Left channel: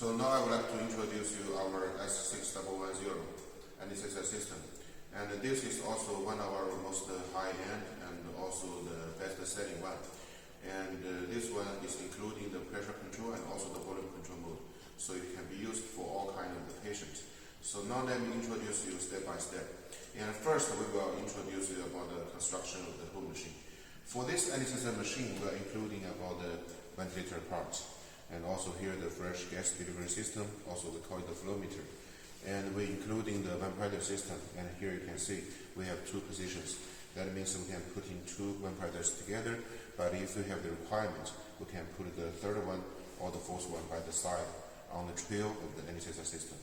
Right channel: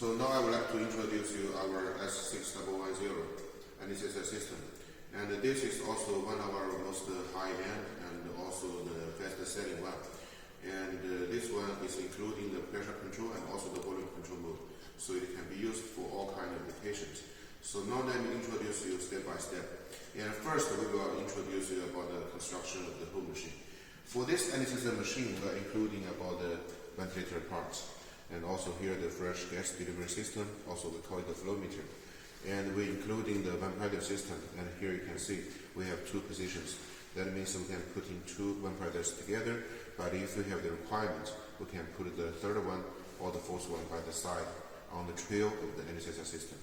So now I would like to introduce you our S6100 anesthesia system. And this is also one of our most high-end and also the best-selling one. And this one is including the pressure control and also the volume control mode. So it can be used for all kinds of patients. So now let me introduce you step by step. And first we will introduce you about the construction of the whole machine. For this anesthesia machine, we are including about the ventilator parts. And also here the fresh gas delivery system, also we call it the flow meter. And we're including the ventilator system, and here you can see we have two positions. That means we can put in two ventilators together, but if we have the requirement, we can put the third one or the fourth one by the side on the trail of the anesthesia system.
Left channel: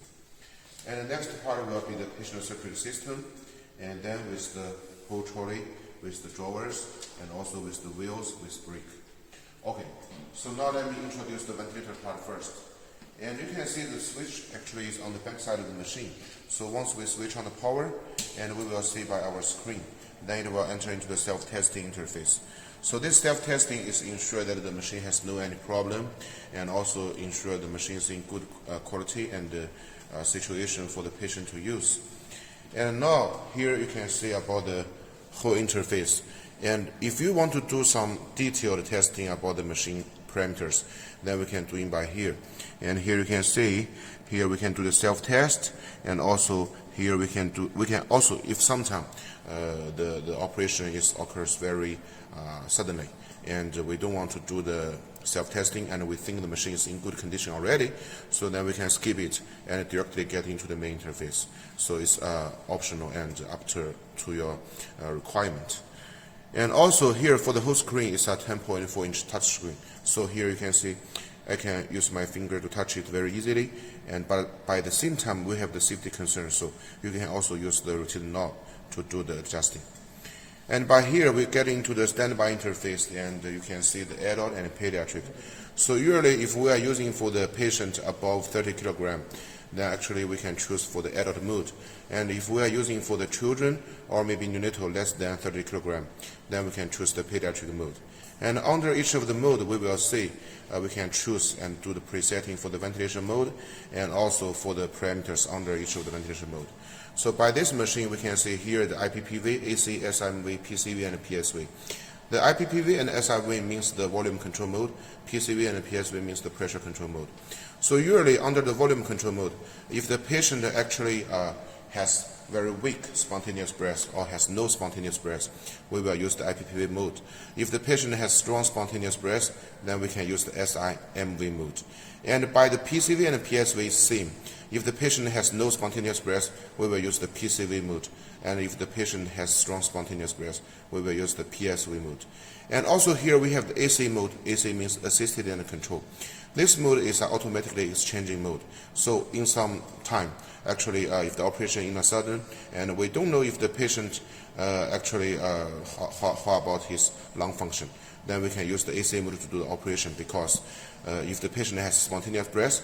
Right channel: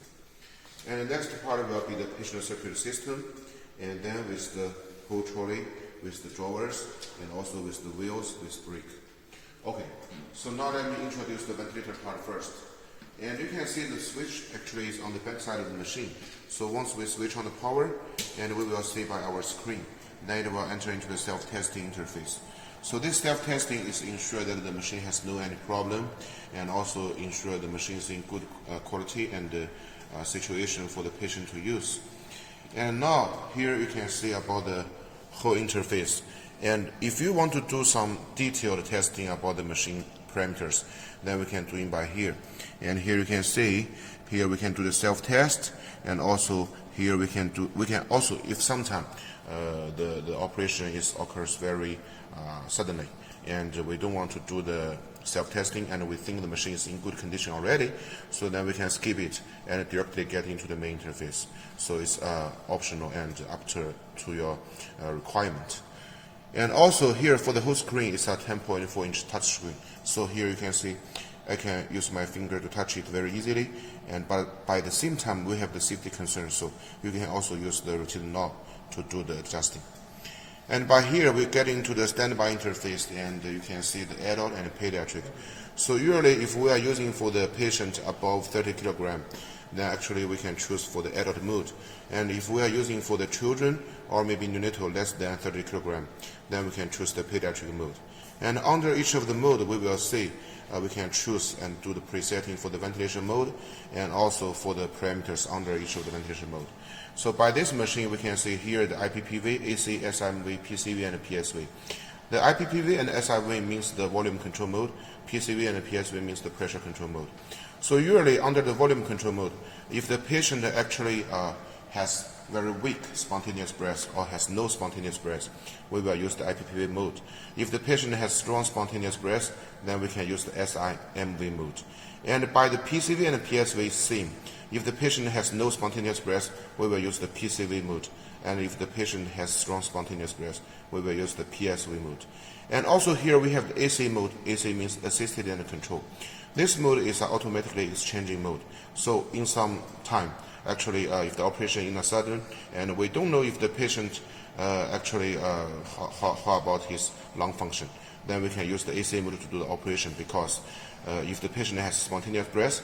And the next part will be the patient security system, and then with the whole trolley, with the drawers, and also with the wheels with brake. Okay, so now let me introduce the ventilator part first. And you can see the switch actually is on the back side of the machine. So once we switch on the power, and we will see by our screen, then it will enter into the self-testing interface. So this self-testing is ensure that the machine has no any problem, and also ensure the machine is in good quality and situation for the patient to use. And now here you can see about the whole interface. And if you want to do some detailed testing about the machine parameters, then we can do it by here. And here you can see, here we can do the self-test, and also here we can also, if sometime the operation occurs very suddenly, and we don't want to do the self-testing, and we think the machine is in good condition already, so then we can skip it and directly get into the main interface. So it's optional and up to your requirement. And also here for the whole screen, it's a 10.4-inch touch screen. So here you can see I can use my finger to touch it very easily, but by the same time we have the safety concern, so you can also use the rotating knob to do the adjusting. And by here we get into the standby interface, and you can see the adult and the pediatric. So usually if we are using for the patient above 30 kilograms, then actually we can choose for the adult mode. And if we are using for the children or maybe neonatal less than 30 kilograms, then we can choose the pediatric mode. And under each of the mode we will see we can choose and do the presetting for the ventilation mode, and also for the parameters under each of the ventilation mode. So by this machine we can see here the IPPV, AC, SIMV, PCV, and PSV. The IPPV and SIV means the volume control mode, PCV and PSV means the pressure control mode. So usually under the volume control mode, if the patient actually has very weak spontaneous breath or has no spontaneous breath, we will use the IPPV mode. If the patient has strong spontaneous breath, then we can use the SIMV mode. And by the PCV and PSV same. If the patient has no spontaneous breath, we will use the PCV mode. And if the patient has strong spontaneous breath, we will use the PSV mode. And also here we have the AC mode. AC means assisted and control. This mode is an automatically exchanging mode. So in some time, actually if the operation in a sudden, and we don't know if the patient how about his lung function, then we can use the AC mode to do the operation, because if the patient has spontaneous breath,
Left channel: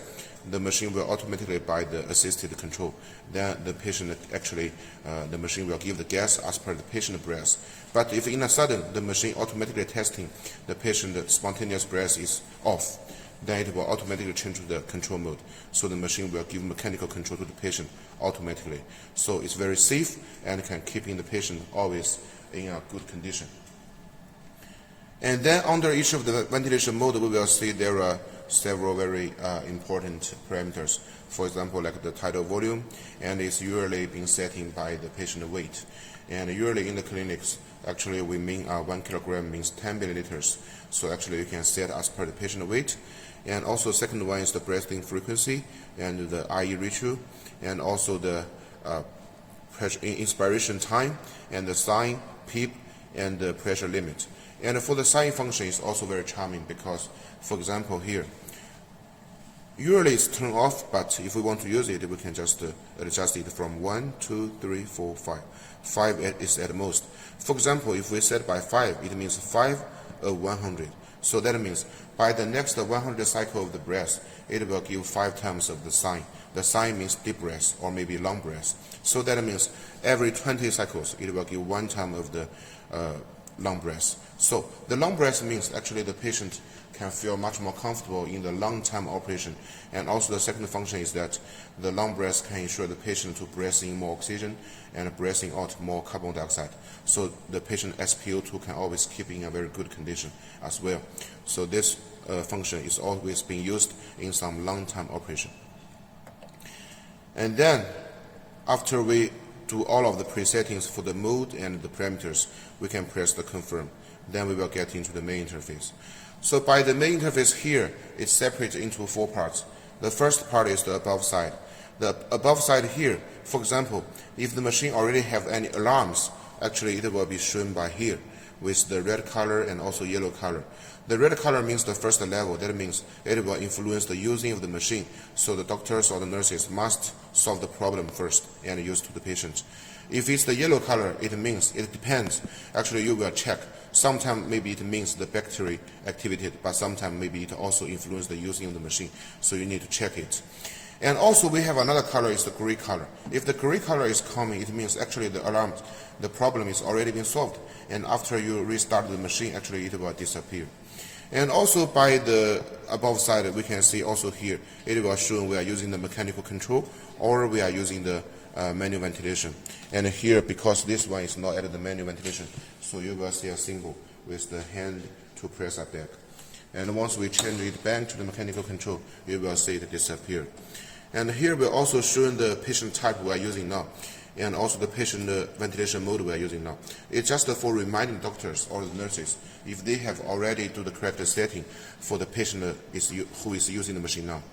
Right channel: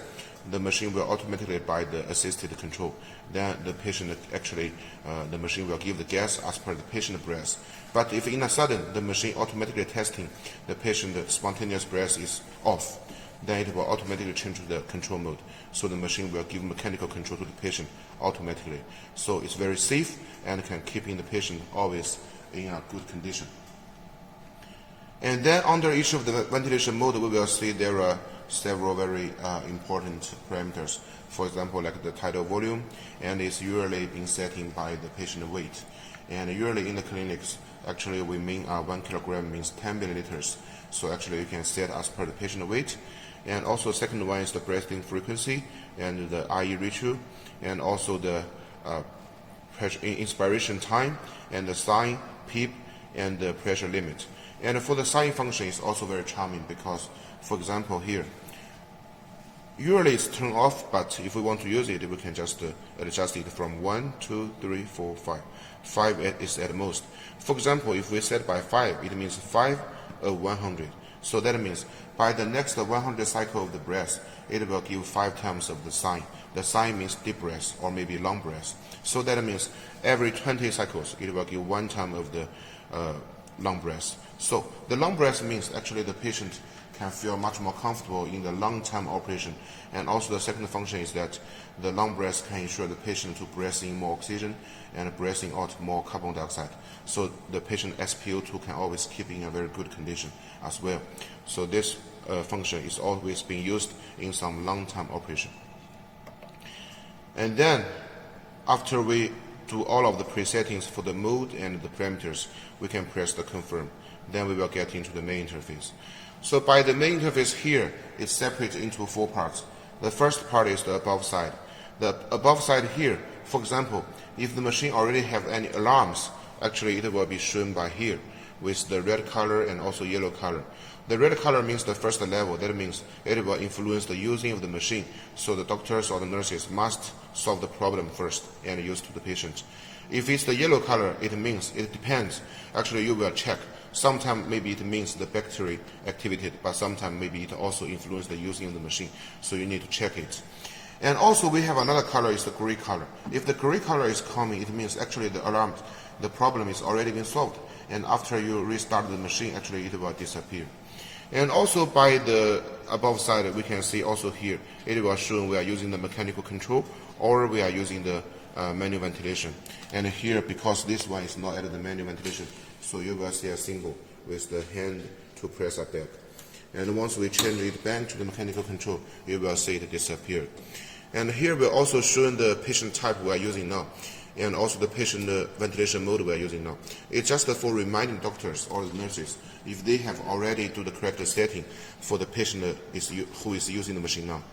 the machine will automatically by the assisted control. Then the patient the machine will give the gas as per the patient breath. But if in a sudden the machine automatically testing the patient spontaneous breath is off, then it will automatically change to the control mode. So the machine will give mechanical control to the patient automatically. So it's very safe and can keep the patient always in a good condition. And then under each of the ventilation mode, we will see there are several very important parameters. For example, like the tidal volume, and it's usually being set in by the patient weight. And usually in the clinics, actually we mean 1 kilogram means 10 milliliters. So actually you can set as per the patient weight. And also second one is the breathing frequency and the IE ratio, and also the inspiration time, and the sign, PEEP, and the pressure limit. And for the sign function is also very charming, because for example here, usually it's turned off, but if we want to use it, we can just adjust it from 1, 2, 3, 4, 5. 5 is at most. For example, if we set by 5, it means 5 of 100. So that means by the next 100 cycle of the breath, it will give 5 times of the sign. The sign means deep breath or maybe long breath. So that means every 20 cycles, it will give 1 time of the long breath. So the long breath means actually the patient can feel much more comfortable in the long-term operation. And also the second function is that the long breath can ensure the patient to breathe in more oxygen and breathing out more carbon dioxide. So the patient SpO2 can always keep in a very good condition as well. So this function is always being used in some long-term operation. And then after we do all of the presettings for the mode and the parameters, we can press the confirm. Then we will get into the main interface. So by the main interface here, it's separated into 4 parts. The first part is the above side. The above side here, for example, if the machine already have any alarms, actually it will be shown by here with the red color and also yellow color. The red color means the first level. That means it will influence the using of the machine. So the doctors or the nurses must solve the problem first and use to the patient. If it's the yellow color, it means it depends. Actually, you will check. Sometimes maybe it means the bacteria activated, but sometimes maybe it also influences the using of the machine. So you need to check it. And also we have another color is the gray color. If the gray color is coming, it means actually the alarm, the problem is already been solved. And after you restart the machine, actually it will disappear. And also by the above side, we can see also here, it will show we are using the mechanical control or we are using the manual ventilation. And here, because this one is not at the manual ventilation, so you will see a symbol with the hand to press a back. And once we change it back to the mechanical control, you will see it disappear. And here we're also showing the patient type we are using now, and also the patient ventilation mode we are using now. It's just for reminding doctors or the nurses if they have already do the correct setting for the patient who is using the machine now.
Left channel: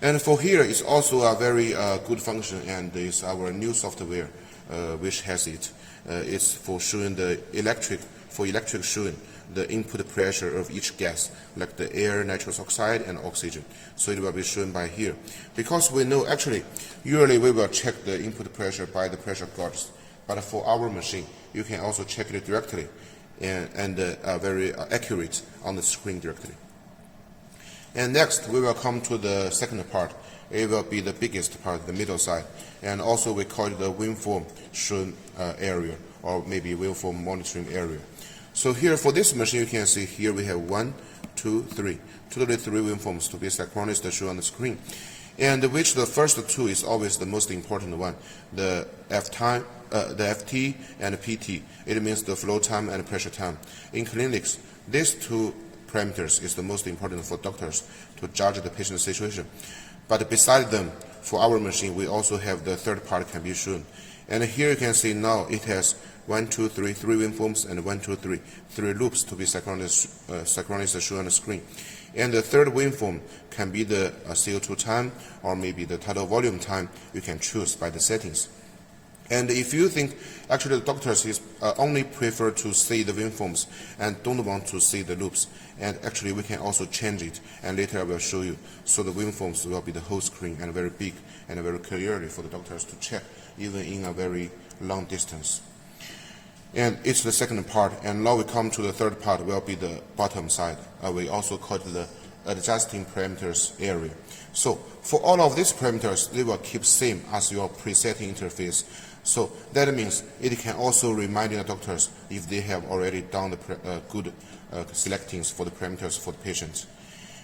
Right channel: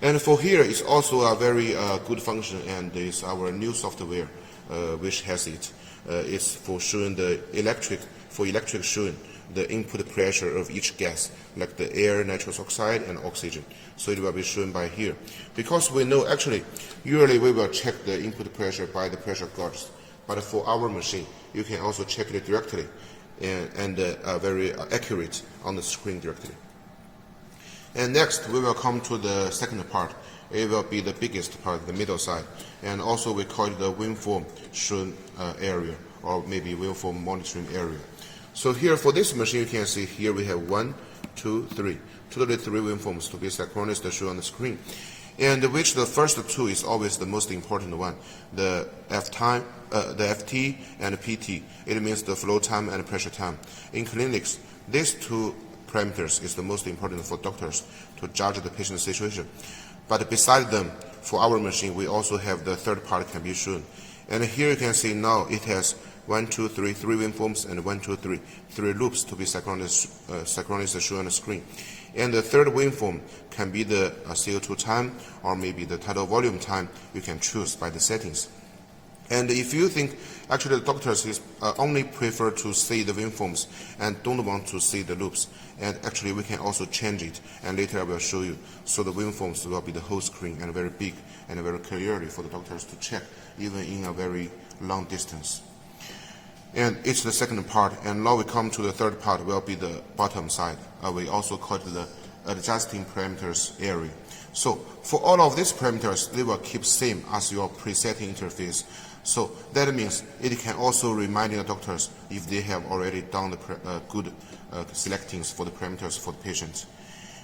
And for here, it's also a very good function, and it's our new software which has it. It's for showing the electric showing the input pressure of each gas, like the air, nitrous oxide, and oxygen. So it will be shown by here. Because we know actually, usually we will check the input pressure by the pressure gauge, but for our machine, you can also check it directly and very accurate on the screen directly. And next, we will come to the second part. It will be the biggest part, the middle side. And also we call it the waveform shown area, or maybe waveform monitoring area. So here for this machine, you can see here we have 1, 2, 3. Totally 3 waveforms to be synchronized to show on the screen. And which the first 2 is always the most important one. The FT and PT. It means the flow time and pressure time. In clinics, these 2 parameters is the most important for doctors to judge the patient's situation. But beside them, for our machine, we also have the third part can be shown. And here you can see now it has 1, 2, 3 waveforms, and 1, 2, 3 loops to be synchronized to show on the screen. And the third waveform can be the CO2 time or maybe the tidal volume time. You can choose by the settings. And if you think actually the doctors only prefer to see the waveforms and don't want to see the loops, and actually we can also change it, and later I will show you. So the waveforms will be the whole screen and very big and very clearly for the doctors to check even in a very long distance. And it's the second part, and now we come to the third part, will be the bottom side. We also call it the adjusting parameters area. So for all of these parameters, they will keep same as your presetting interface. So that means it can also remind the doctors if they have already done the good selectings for the parameters for the patient.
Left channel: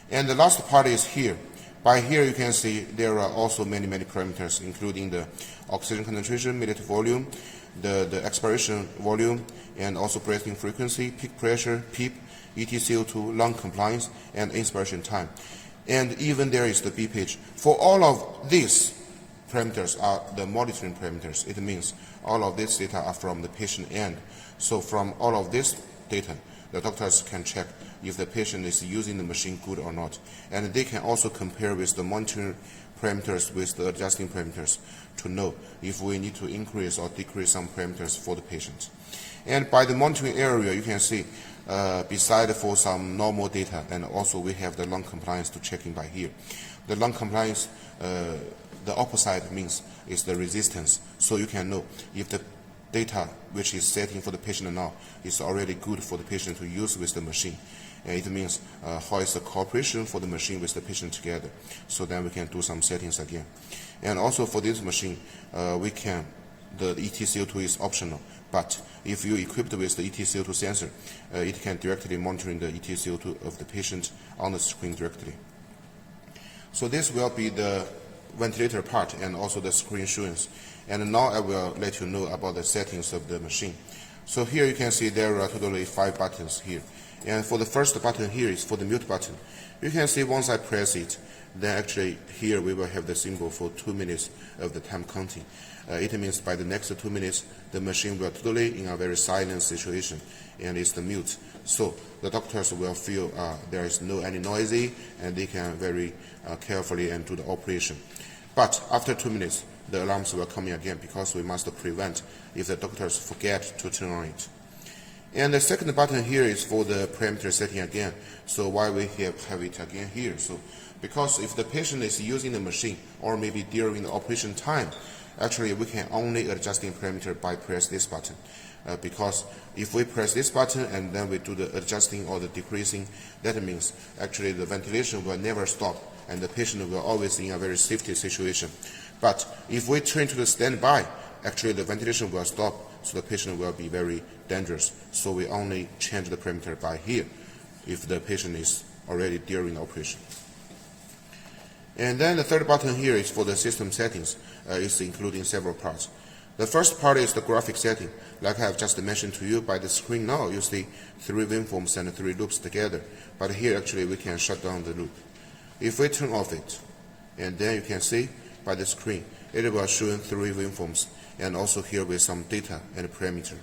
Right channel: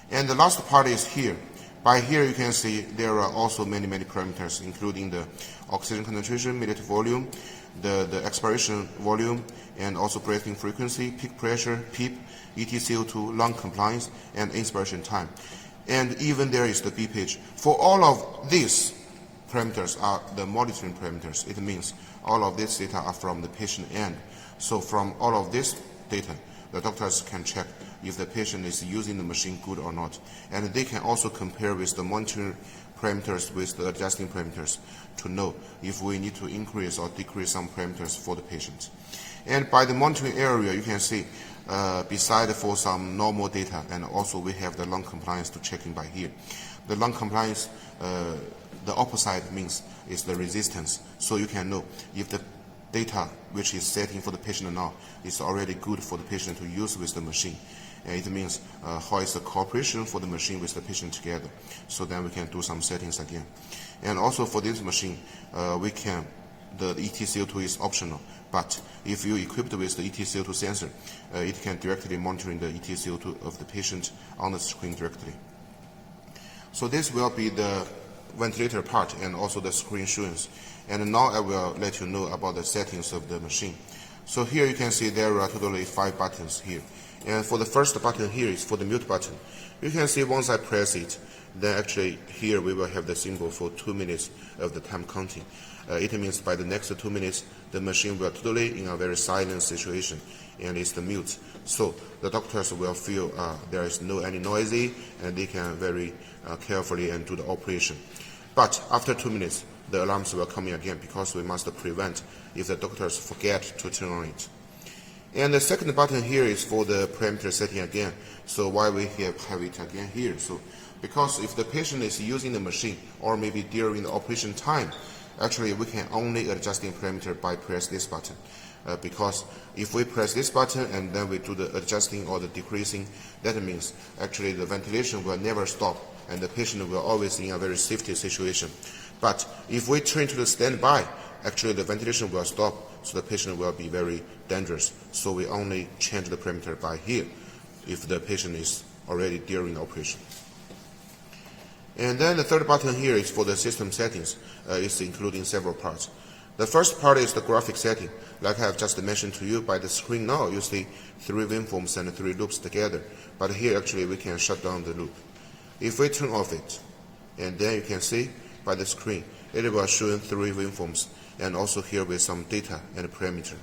And the last part is here. By here you can see there are also many parameters, including the oxygen concentration, milliliter volume, the expiration volume, and also breathing frequency, peak pressure, PEEP, EtCO2, lung compliance, and inspiration time. And even there is the B page. For all of these parameters are the monitoring parameters. It means all of this data are from the patient end. So from all of this data, the doctors can check if the patient is using the machine good or not. And they can also compare with the monitoring parameters with the adjusting parameters to know if we need to increase or decrease some parameters for the patient. And by the monitoring area, you can see beside for some normal data, and also we have the lung compliance to check in by here. The lung compliance, the opposite means is the resistance. So you can know if the data which is setting for the patient now is already good for the patient to use with the machine. And it means how is the cooperation for the machine with the patient together. So then we can do some settings again. And also for this machine, the EtCO2 is optional. But if you equipped with the EtCO2 sensor, it can directly monitor the EtCO2 of the patient on the screen directly. So this will be the ventilator part and also the screen assurance. And now I will let you know about the settings of the machine. So here you can see there are totally 5 buttons here. And for the first button here is for the mute button. You can see once I press it, then actually here we will have the symbol for 2 minutes of the time counting. It means by the next 2 minutes, the machine will totally in a very silent situation, and it's the mute. So the doctors will feel there is no any noisy, and they can very carefully and do the operation. But after 2 minutes, the alarms will come in again because we must prevent if the doctors forget to turn on it. And the second button here is for the parameter setting again. So why we have it again here? So because if the patient is using the machine or maybe during the operation time, actually we can only adjust the parameter by press this button. Because if we press this button and then we do the adjusting or the decreasing, that means actually the ventilation will never stop and the patient will always be in a very safety situation. But if we turn to the standby, actually the ventilation will stop, so the patient will be very dangerous. So we only change the parameter by here if the patient is already during the operation. And then the third button here is for the system settings. It's including several parts. The first part is the graphic setting. Like I have just mentioned to you, by the screen now you see 3 waveforms and 3 loops together. But here actually we can shut down the loop. If we turn off it, and then you can see by the screen, it will show 3 waveforms, and also here with some data and parameter.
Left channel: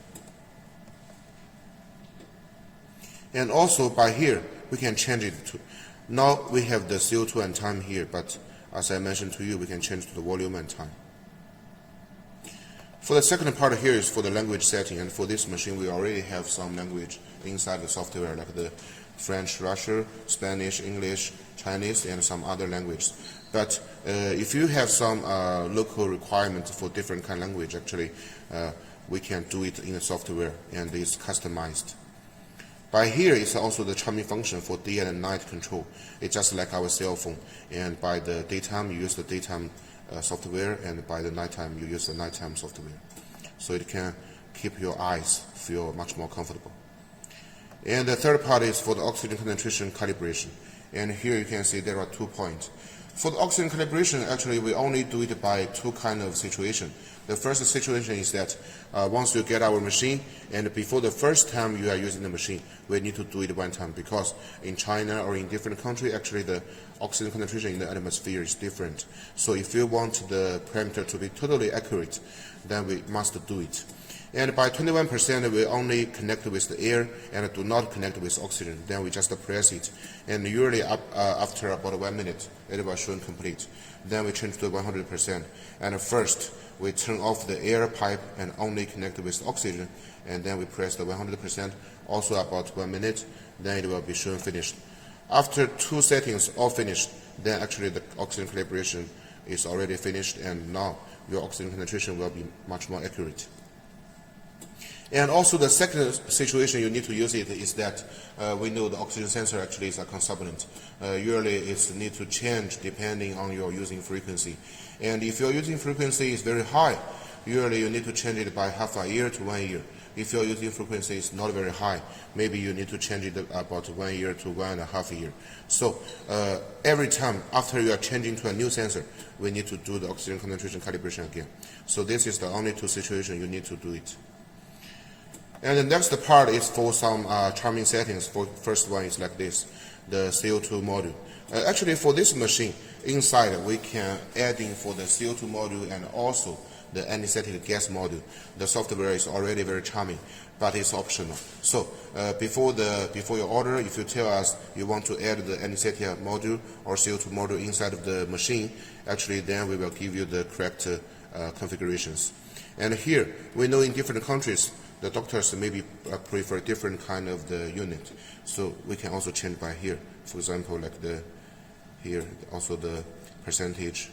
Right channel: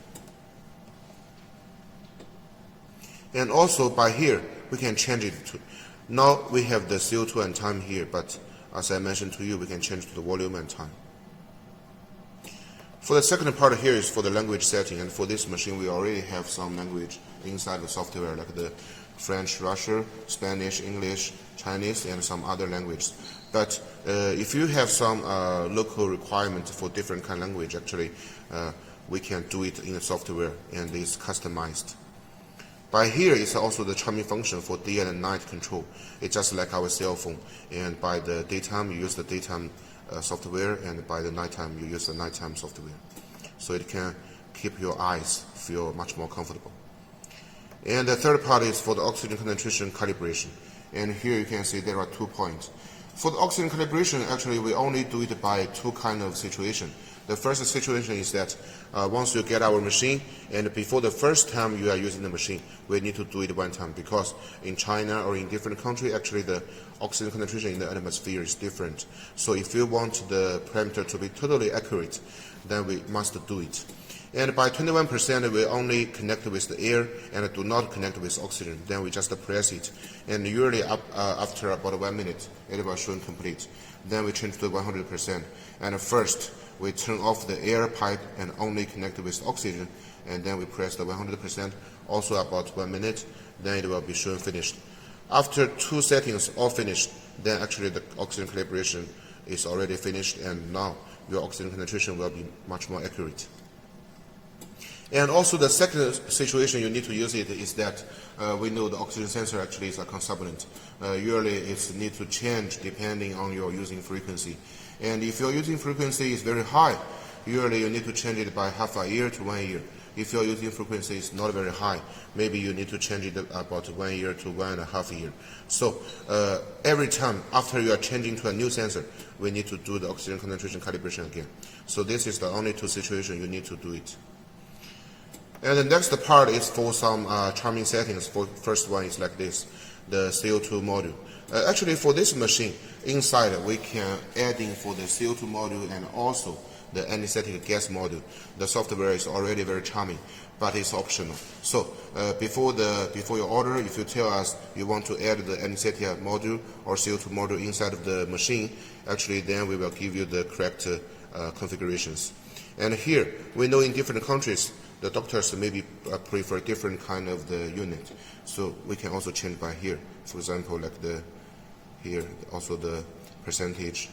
And also by here, we can change it to, now we have the CO2 and time here, but as I mentioned to you, we can change to the volume and time. For the second part here is for the language setting, and for this machine we already have some language inside the software, like the French, Russian, Spanish, English, Chinese, and some other languages. But if you have some local requirement for different kind of language, actually we can do it in the software, and it's customized. By here is also the chiming function for day and night control. It's just like our cell phone, and by the daytime you use the daytime software, and by the nighttime you use the nighttime software. So it can keep your eyes feel much more comfortable. And the third part is for the oxygen concentration calibration. And here you can see there are 2 points. For the oxygen calibration, actually we only do it by 2 kind of situation. The first situation is that once you get our machine, and before the first time you are using the machine, we need to do it 1 time, because in China or in different countries, actually the oxygen concentration in the atmosphere is different. So if you want the parameter to be totally accurate, then we must do it. And by 21%, we only connect with the air and do not connect with oxygen. Then we just press it. And usually after about 1 minute, it will show complete. Then we change to 100%. And first, we turn off the air pipe and only connect with oxygen. And then we press the 100%, also about 1 minute. Then it will be shown finished. After 2 settings all finished, then actually the oxygen calibration is already finished. And now your oxygen concentration will be much more accurate. And also the second situation you need to use it is that we know the oxygen sensor actually is a consublinate. Usually it's need to change depending on your using frequency. And if your using frequency is very high, usually you need to change it by half a year to 1 year. If your using frequency is not very high, maybe you need to change it about 1 year to 1.5 years. So every time after you are changing to a new sensor, we need to do the oxygen concentration calibration again. So this is the only 2 situations you need to do it. And the next part is for some charming settings. For first one is like this, the CO2 module. Actually, for this machine, inside we can add in for the CO2 module and also the anesthetic gas module. The software is already very charming, but it's optional. So before your order, if you tell us you want to add the anesthetic module or CO2 module inside of the machine, actually then we will give you the correct configurations. And here, we know in different countries, the doctors maybe prefer different kind of the unit. So we can also change by here. For example, like here, also the percentage.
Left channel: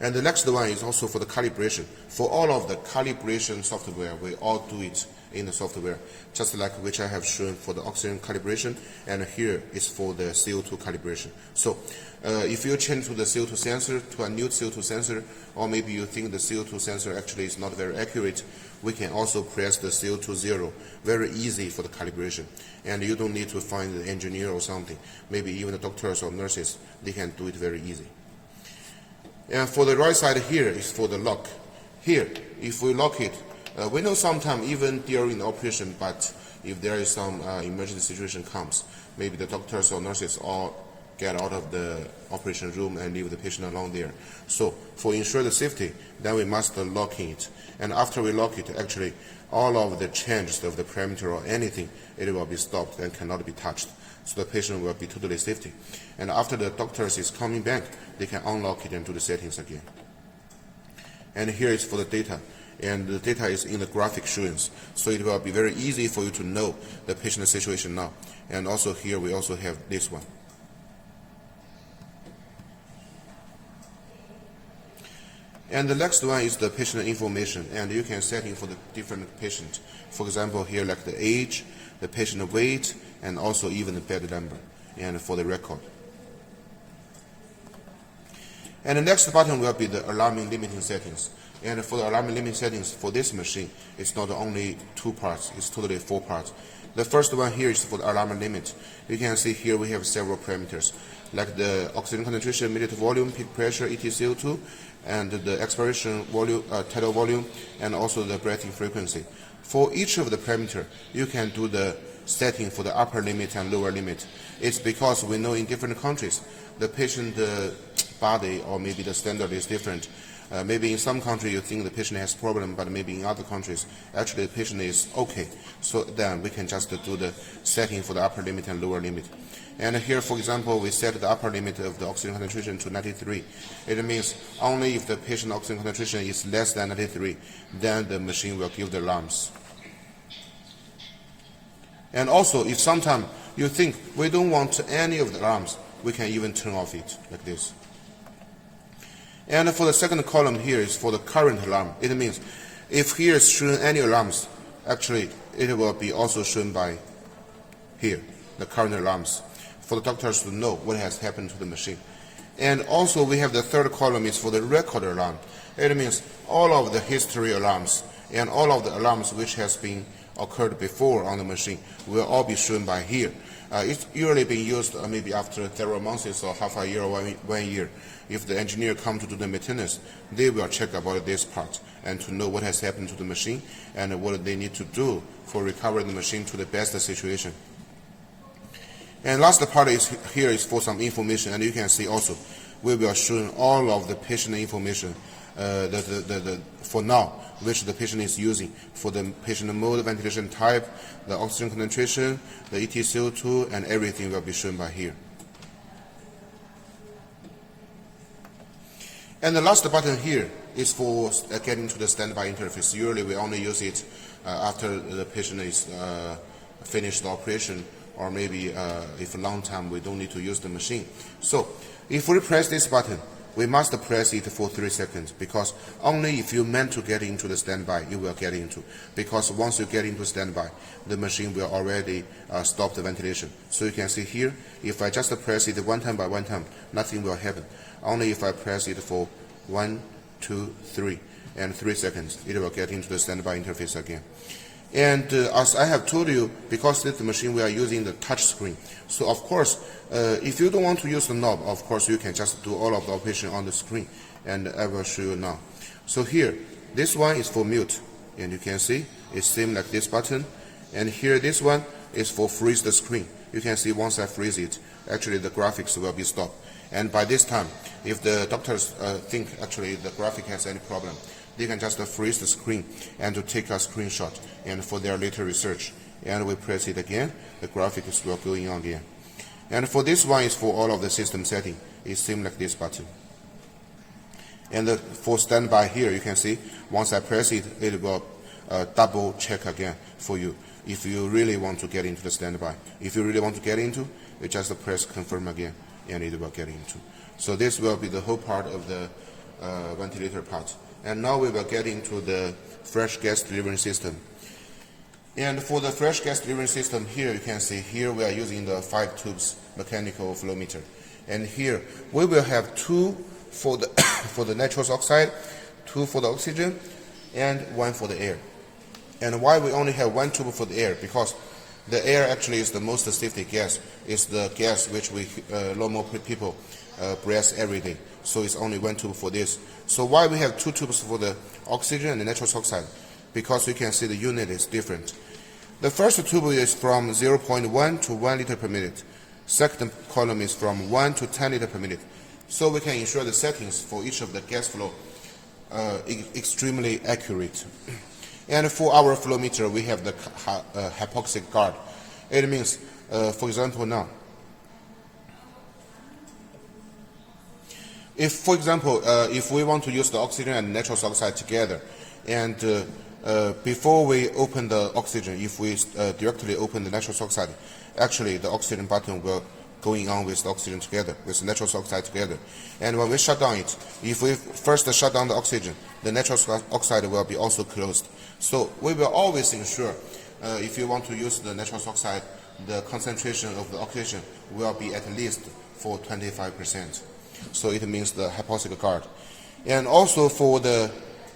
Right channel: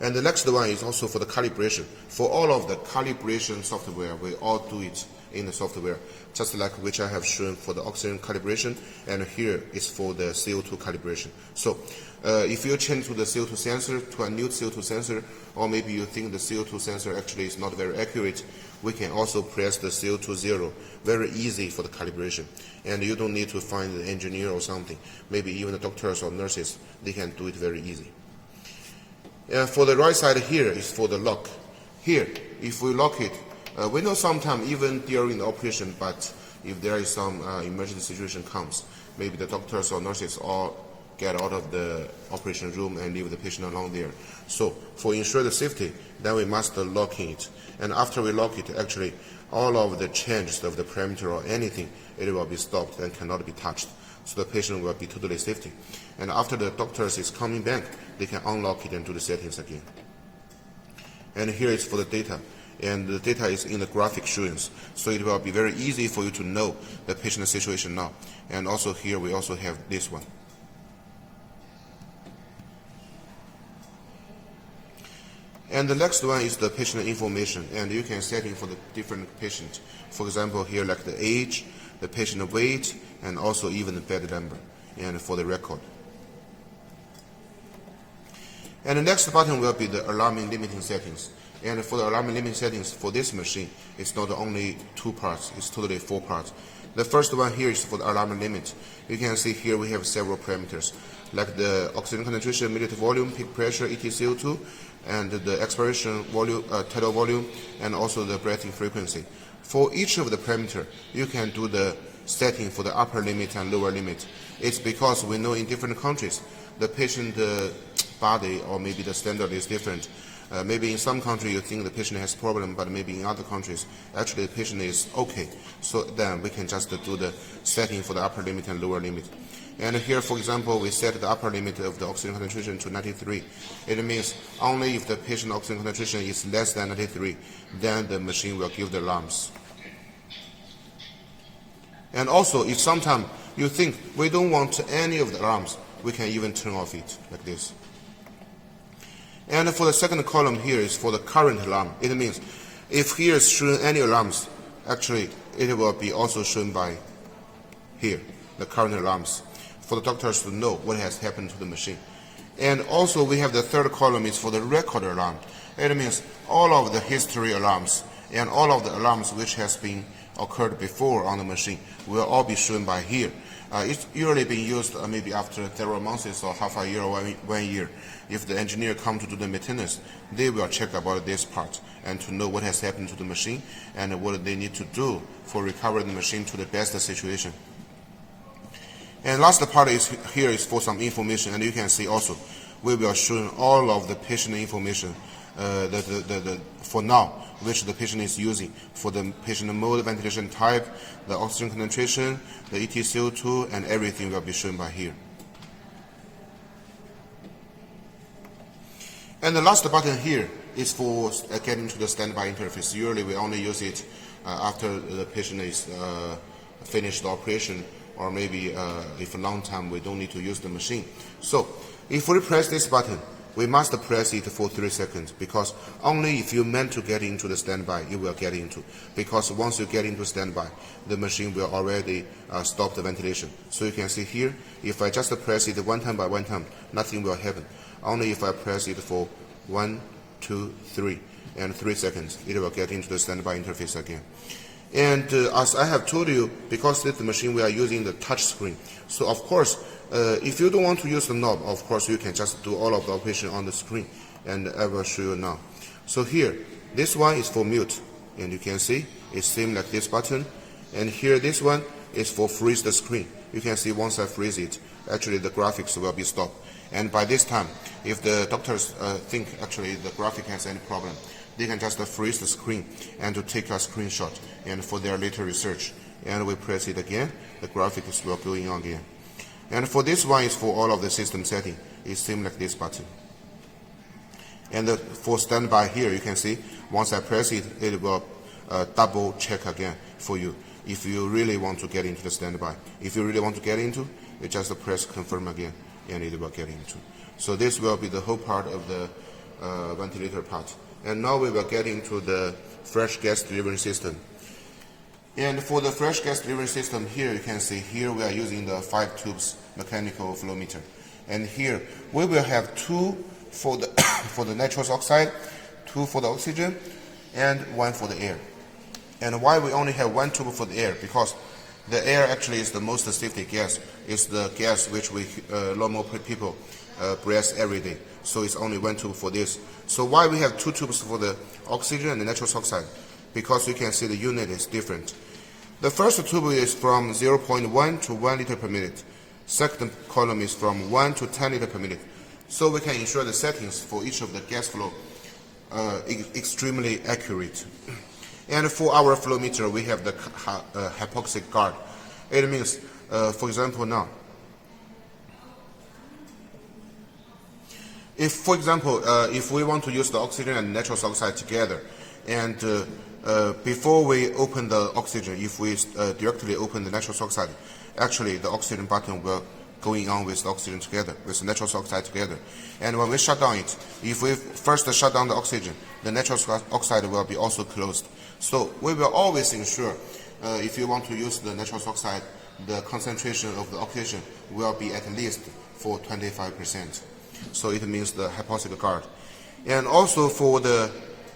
And the next one is also for the calibration. For all of the calibration software, we all do it in the software, just like which I have shown for the oxygen calibration, and here is for the CO2 calibration. So if you change to the CO2 sensor, to a new CO2 sensor, or maybe you think the CO2 sensor actually is not very accurate, we can also press the CO2 0. Very easy for the calibration. And you don't need to find an engineer or something. Maybe even the doctors or nurses, they can do it very easy. And for the right side here is for the lock. Here, if we lock it, we know sometimes even during the operation, but if there is some emergency situation comes, maybe the doctors or nurses all get out of the operation room and leave the patient alone there. So for ensure the safety, then we must lock it. And after we lock it, actually all of the changes of the parameter or anything, it will be stopped and cannot be touched. So the patient will be totally safety. And after the doctors is coming back, they can unlock it and do the settings again. And here is for the data. And the data is in the graphic showings. So it will be very easy for you to know the patient situation now. And also here we also have this one. And the next one is the patient information, and you can set it for the different patient. For example, here like the age, the patient weight, and also even the bed number, and for the record. And the next button will be the alarming limiting settings. And for the alarming limiting settings for this machine, it's not only 2 parts, it's totally 4 parts. The first one here is for the alarm limit. You can see here we have several parameters, like the oxygen concentration, minute volume, peak pressure, EtCO2, and the expiration volume, tidal volume, and also the breathing frequency. For each of the parameter, you can do the setting for the upper limit and lower limit. It's because we know in different countries, the patient body or maybe the standard is different. Maybe in some countries you think the patient has problem, but maybe in other countries, actually the patient is okay. So then we can just do the setting for the upper limit and lower limit. And here, for example, we set the upper limit of the oxygen concentration to 93. It means only if the patient oxygen concentration is less than 93, then the machine will give the alarms. And also, if sometimes you think we don't want any of the alarms, we can even turn off it like this. And for the second column here is for the current alarm. It means if here is showing any alarms, actually it will be also shown by here, the current alarms, for the doctors to know what has happened to the machine. And also we have the third column is for the record alarm. It means all of the history alarms and all of the alarms which has been occurred before on the machine will all be shown by here. It's usually being used maybe after several months or half a year or 1 year. If the engineer comes to do the maintenance, they will check about this part and to know what has happened to the machine and what they need to do for recovering the machine to the best situation. And last part is here is for some information, and you can see also we will show all of the patient information for now, which the patient is using for the patient mode, ventilation type, the oxygen concentration, the EtCO2, and everything will be shown by here. And the last button here is for getting to the standby interface. Usually we only use it after the patient is finished the operation, or maybe if a long time we don't need to use the machine. So if we press this button, we must press it for 3 seconds, because only if you meant to get into the standby, you will get into. Because once you get into standby, the machine will already stop the ventilation. So you can see here, if I just press it one time by one time, nothing will happen. Only if I press it for 1, 2, 3, and 3 seconds, it will get into the standby interface again. And as I have told you, because this machine we are using the touch screen, so of course, if you don't want to use the knob, of course you can just do all of the operation on the screen, and I will show you now. So here, this one is for mute, and you can see it's same like this button. And here, this one is for freeze the screen. You can see once I freeze it, actually the graphics will be stopped. And by this time, if the doctors think actually the graphic has any problem, they can just freeze the screen and to take a screenshot and for their later research. And we press it again, the graphics will go in again. And for this one is for all of the system setting. It's same like this button. And for standby here, you can see once I press it, it will double check again for you if you really want to get into the standby. If you really want to get into, you just press confirm again and it will get into. So this will be the whole part of the ventilator part. And now we will get into the fresh gas delivery system. And for the fresh gas delivery system here, you can see here we are using the 5 tubes mechanical flow meter. And here we will have 2 for the for the nitrous oxide, 2 for the oxygen, and 1 for the air. And why we only have one tube for the air? Because the air actually is the most safety gas. It's the gas which a lot more people breathe every day. So it's only one tube for this. So why we have two tubes for the oxygen and the nitrous oxide? Because you can see the unit is different. The first tube is from 0.1 to 1 liter per minute. Second column is from 1 to 10 liter per minute. So we can ensure the settings for each of the gas flow extremely accurate. And for our flow meter, we have the hypoxic guard. It means, for example, now, if we want to use the oxygen and nitrous oxide together, and before we open the oxygen, if we directly open the nitrous oxide, actually the oxygen button will going on with the oxygen together, with the nitrous oxide together. And when we shut down it, if we first shut down the oxygen, the nitrous oxide will be also closed. So we will always ensure, if you want to use the nitrous oxide, the concentration of the oxygen will be at least for 25%. So it means the hypoxic guard. And also for the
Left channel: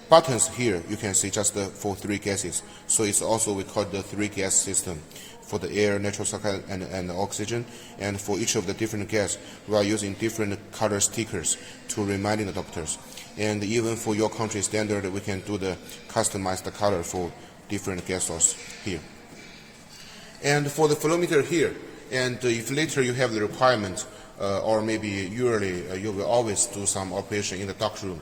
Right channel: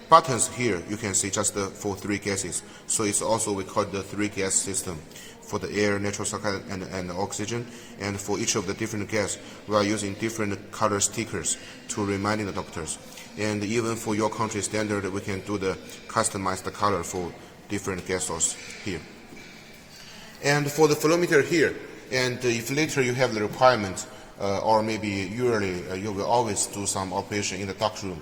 buttons here, you can see just for three gases. So it's also, we call it the three gas system. For the air, nitrous oxide, and oxygen. And for each of the different gas, we are using different color stickers to remind the doctors. And even for your country standard, we can do the customized color for different gas source here. And for the flow meter here, and if later you have the requirement, or maybe yearly, you will always do some operation in the dark room,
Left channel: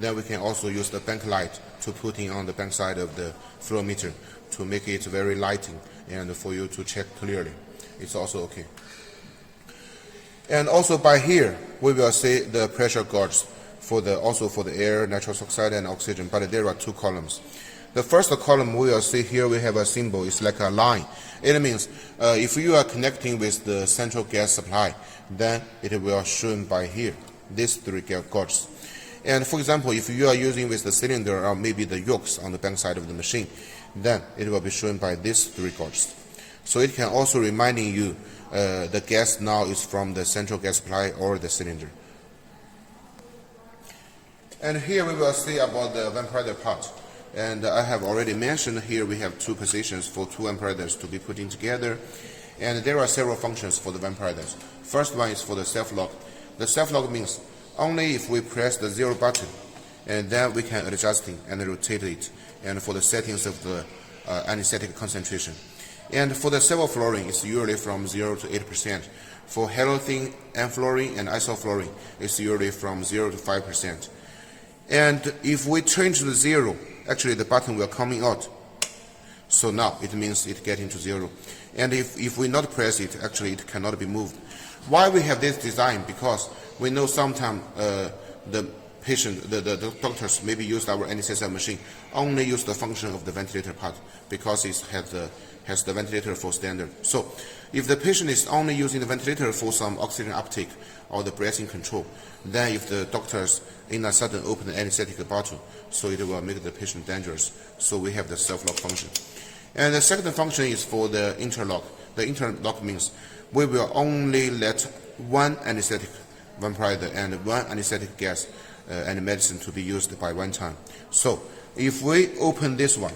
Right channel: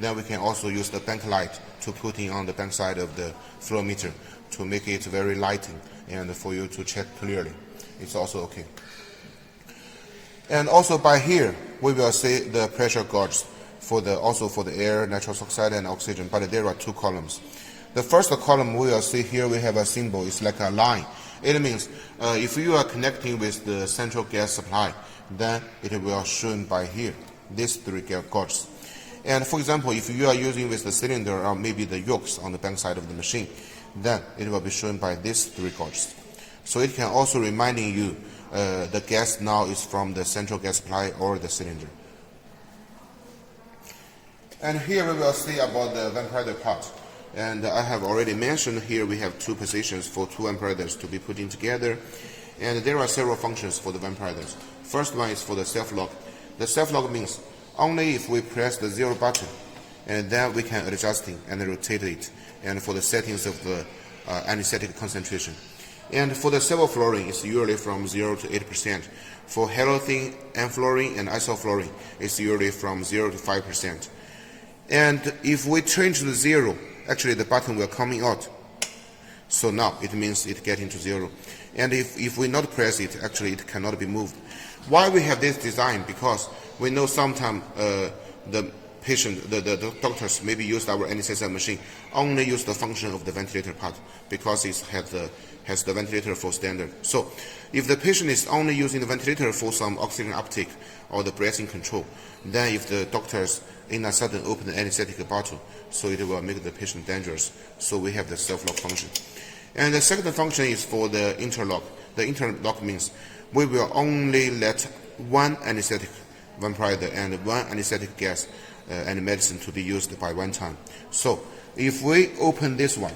then we can also use the bank light to put in on the bank side of the flow meter to make it very lighting and for you to check clearly. It's also okay. And also by here, we will see the pressure gauges also for the air, nitrous oxide, and oxygen, but there are two columns. The first column we will see here, we have a symbol. It's like a line. It means if you are connecting with the central gas supply, then it will shown by here, these three gauges. And for example, if you are using with the cylinder or maybe the yokes on the bank side of the machine, then it will be shown by these three gauges. So it can also reminding you the gas now is from the central gas supply or the cylinder. And here we will see about the vaporizer part. And I have already mentioned here we have two positions for two vaporizers to be put in together. And there are several functions for the vaporizers. First one is for the self-lock. The self-lock means only if we press the 0 button, and then we can adjust it and rotate it, and for the settings of the anesthetic concentration. And for the sevoflurane, it's usually from 0 to 8%. For halothane, enflurane, and isoflurane, it's usually from 0 to 5%. And if we change the 0, actually the button will coming out. So now it means it getting to 0. And if we not press it, actually it cannot be moved. Why we have this design? Because we know sometimes the patient, the doctors maybe use our anesthesia machine, only use the function of the ventilator part because it has the ventilator for standard. So if the patient is only using the ventilator for some oxygen uptake or the breathing control, then if the doctors in a sudden open the anesthetic bottle, so it will make the patient dangerous. So we have the self-lock function. And the second function is for the interlock. The interlock means we will only let one anesthetic vaporizer and one anesthetic gas and medicine to be used by one time. So if we open this one,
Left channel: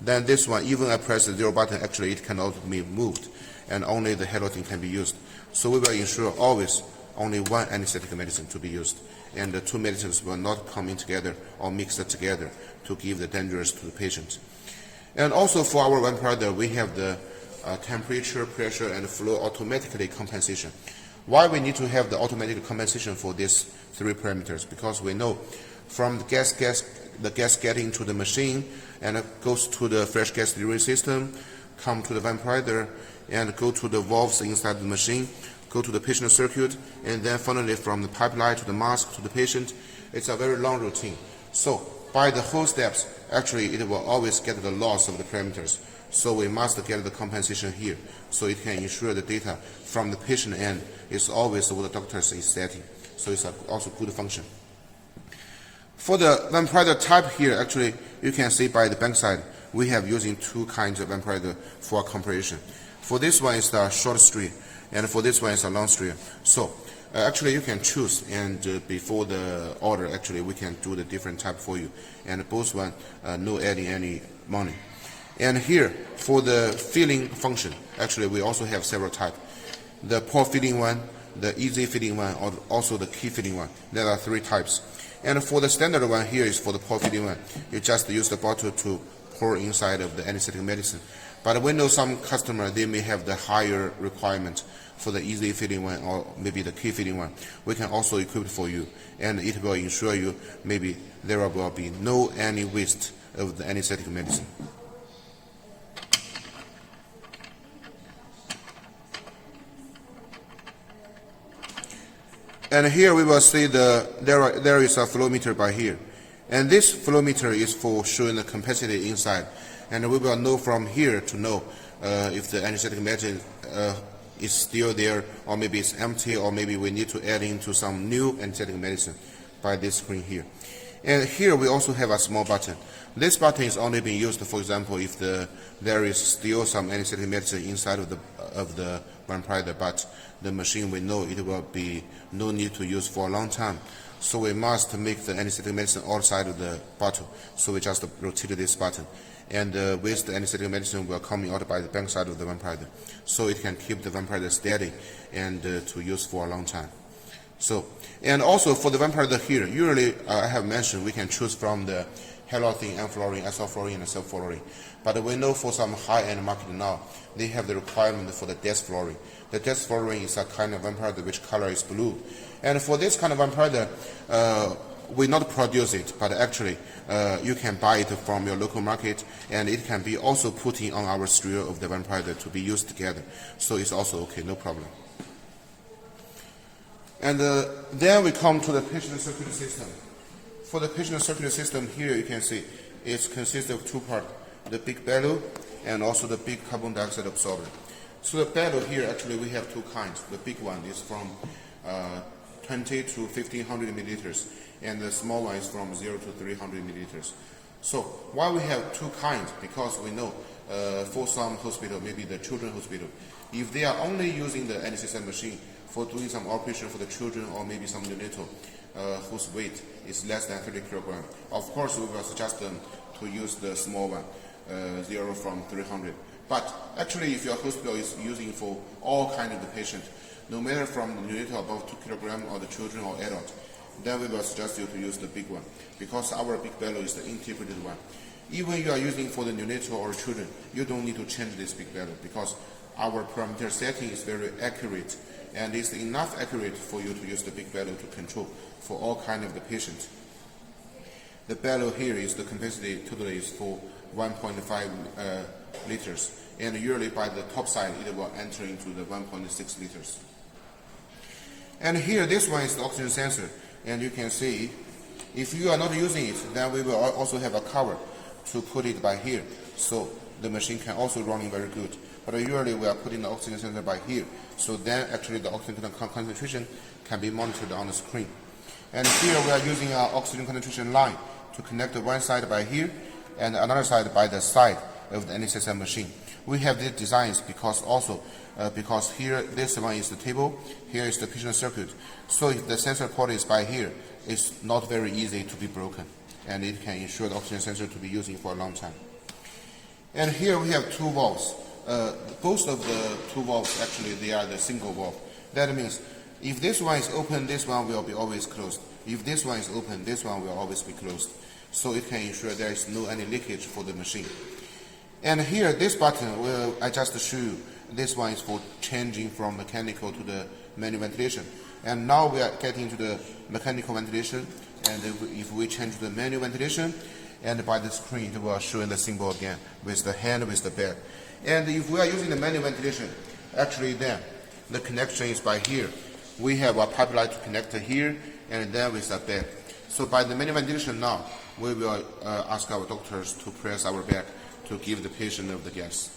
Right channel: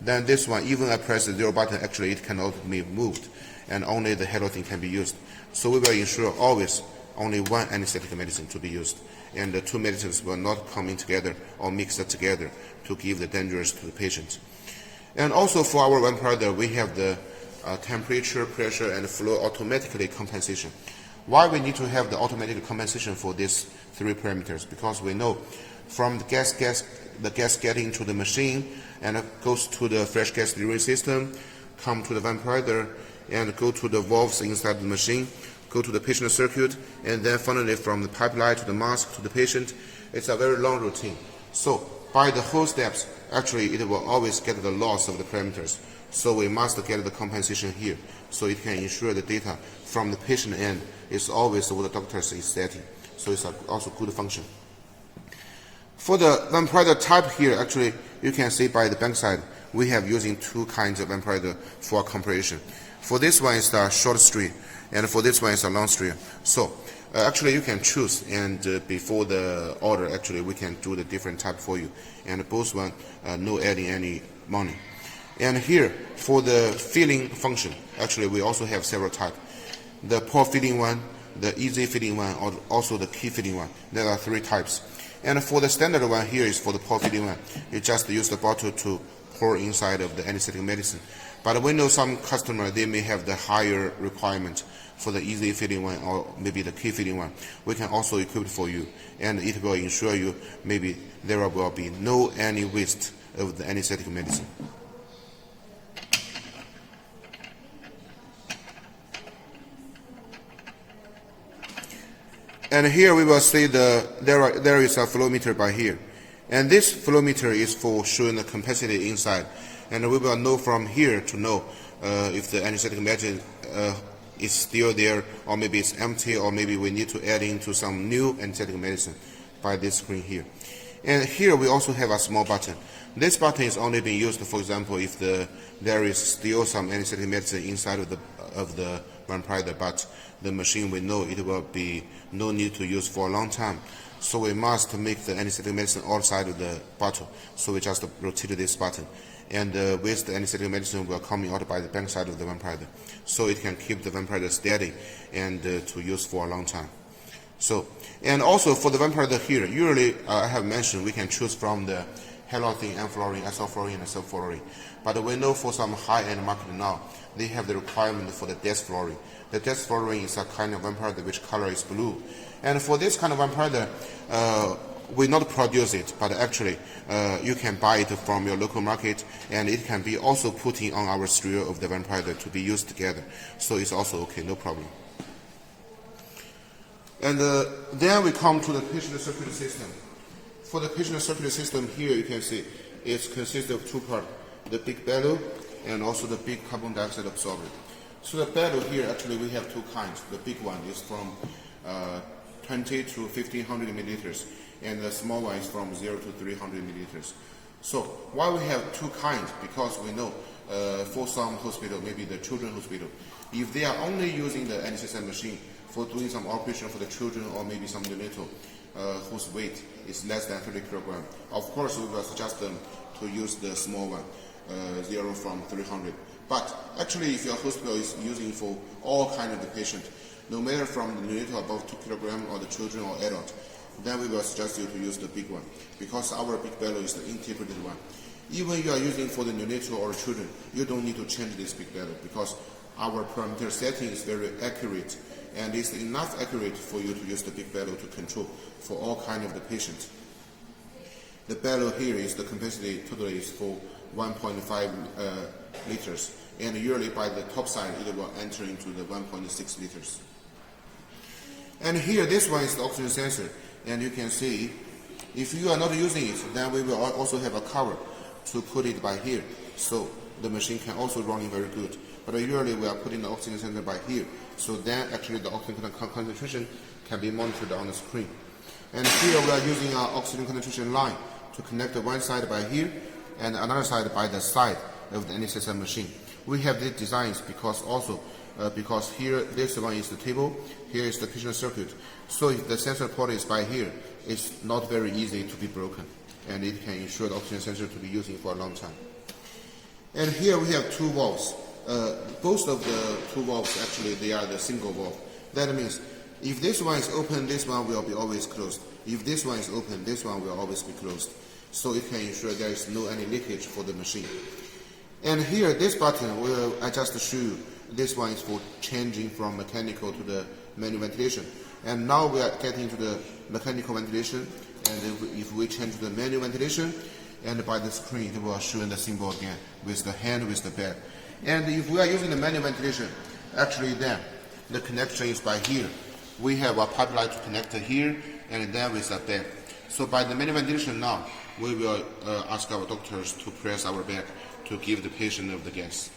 then this one, even I press the 0 button, actually it cannot be moved, and only the halothane can be used. So we will ensure always only one anesthetic medicine to be used, and the two medicines will not come in together or mix it together to give the dangers to the patient. And also for our vaporizer, we have the temperature, pressure, and flow automatically compensation. Why we need to have the automatic compensation for these three parameters? Because we know from the gas getting to the machine and it goes to the fresh gas delivery system, come to the vaporizer, and go to the valves inside the machine, go to the patient circuit, and then finally from the pipeline to the mask to the patient. It's a very long routine. So by the whole steps, actually it will always get the loss of the parameters. So we must get the compensation here, so it can ensure the data from the patient end is always what the doctor is setting. So it's also good function. For the vaporizer type here, actually you can see by the bank side, we have using two kinds of vaporizer for comparison. For this one is the short stream, and for this one is a long stream. So actually you can choose, and before the order, actually we can do the different type for you. And both one no adding any money. And here, for the filling function, actually we also have several types. The pore filling one, the easy filling one, or also the key filling one. There are 3 types. And for the standard one, here is for the pore filling one. You just use the bottle to pour inside of the anesthetic medicine. But we know some customer, they may have the higher requirement for the easy filling one or maybe the key filling one. We can also equip it for you, and it will ensure you maybe there will be no any waste of the anesthetic medicine. And here we will see there is a flow meter by here. And this flow meter is for showing the capacity inside. And we will know from here to know if the anesthetic medicine is still there, or maybe it's empty, or maybe we need to add into some new anesthetic medicine by this screen here. And here we also have a small button. This button is only being used, for example, if there is still some anesthetic medicine inside of the vampire, but the machine will know it will be no need to use for a long time. So we must make the anesthetic medicine outside of the bottle. So we just rotate this button. And the waste anesthetic medicine will come out by the back side of the vampire. So it can keep the vampire steady and to use for a long time. So, and also for the vampire here, usually I have mentioned we can choose from the halothane, enfluorine, isoflurane, and sulfurine. But we know for some high-end market now, they have the requirement for the desflurane. The desflurane is a kind of vampire which color is blue. And for this kind of vampire, we not produce it, but actually you can buy it from your local market, and it can be also put in on our stereo of the vampire to be used together. So it's also okay, no problem. And then we come to the patient circulatory system. For the patient circulatory system here, you can see it consists of 2 parts, the big bellow and also the big carbon dioxide absorber. So the bellow here, actually we have 2 kinds. The big one is from 20 to 1500 milliliters, and the small one is from 0 to 300 milliliters. So why we have 2 kinds? Because we know for some hospital, maybe the children's hospital, if they are only using the anesthesia machine for doing some operation for the children or maybe some neonatal whose weight is less than 30 kilograms, of course we will suggest them to use the small one, 0 from 300. But actually, if your hospital is using for all kinds of the patient, no matter from the neonatal above 2 kilograms or the children or adult, then we will suggest you to use the big one, because our big bellow is the integrated one. Even you are using for the neonatal or children, you don't need to change this big bellow, because our parameter setting is very accurate, and it's enough accurate for you to use the big bellow to control for all kinds of the patients. The bellow here is the capacity totally is for 1.5 liters, and usually by the top side it will enter into the 1.6 liters. And here, this one is the oxygen sensor, and you can see if you are not using it, then we will also have a cover to put it by here, so the machine can also run very good. But usually we are putting the oxygen sensor by here, so then actually the oxygen concentration can be monitored on the screen. And here we are using our oxygen concentration line to connect the one side by here and another side by the side of the anesthesia machine. We have these designs because here this one is the table, here is the patient circuit. So if the sensor port is by here, it's not very easy to be broken, and it can ensure the oxygen sensor to be using for a long time. And here we have 2 valves. Both of the 2 valves, actually, they are the single valve. That means if this one is open, this one will be always closed. If this one is open, this one will always be closed. So it can ensure there is no any leakage for the machine. And here, this button, I just show you. This one is for changing from mechanical to the manual ventilation. And now we are getting to the mechanical ventilation. And if we change to the manual ventilation, and by the screen, it will show the symbol again with the hand, with the bed. And if we are using the manual ventilation, actually then the connection is by here. We have a pipeline to connect here, and then with the bed. So by the manual ventilation now, we will ask our doctors to press our bed to give the patient of the gas.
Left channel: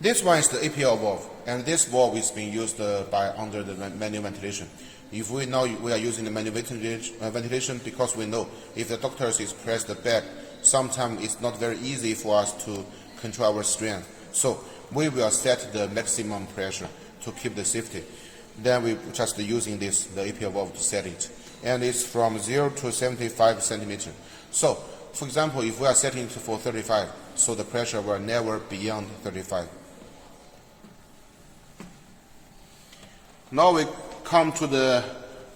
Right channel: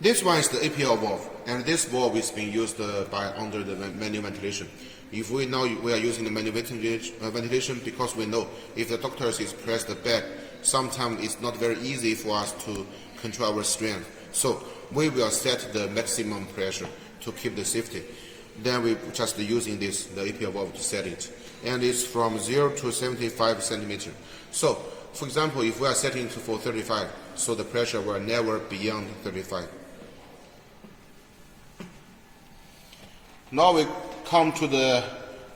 This one is the APL valve, and this valve is being used under the manual ventilation. If we know we are using the manual ventilation, because we know if the doctors is press the bed, sometimes it's not very easy for us to control our strength. So we will set the maximum pressure to keep the safety. then we just using the APL valve to set it. And it's from 0 to 75 centimeter. So, for example, if we are setting it for 35, so the pressure will never beyond 35. Now we come to the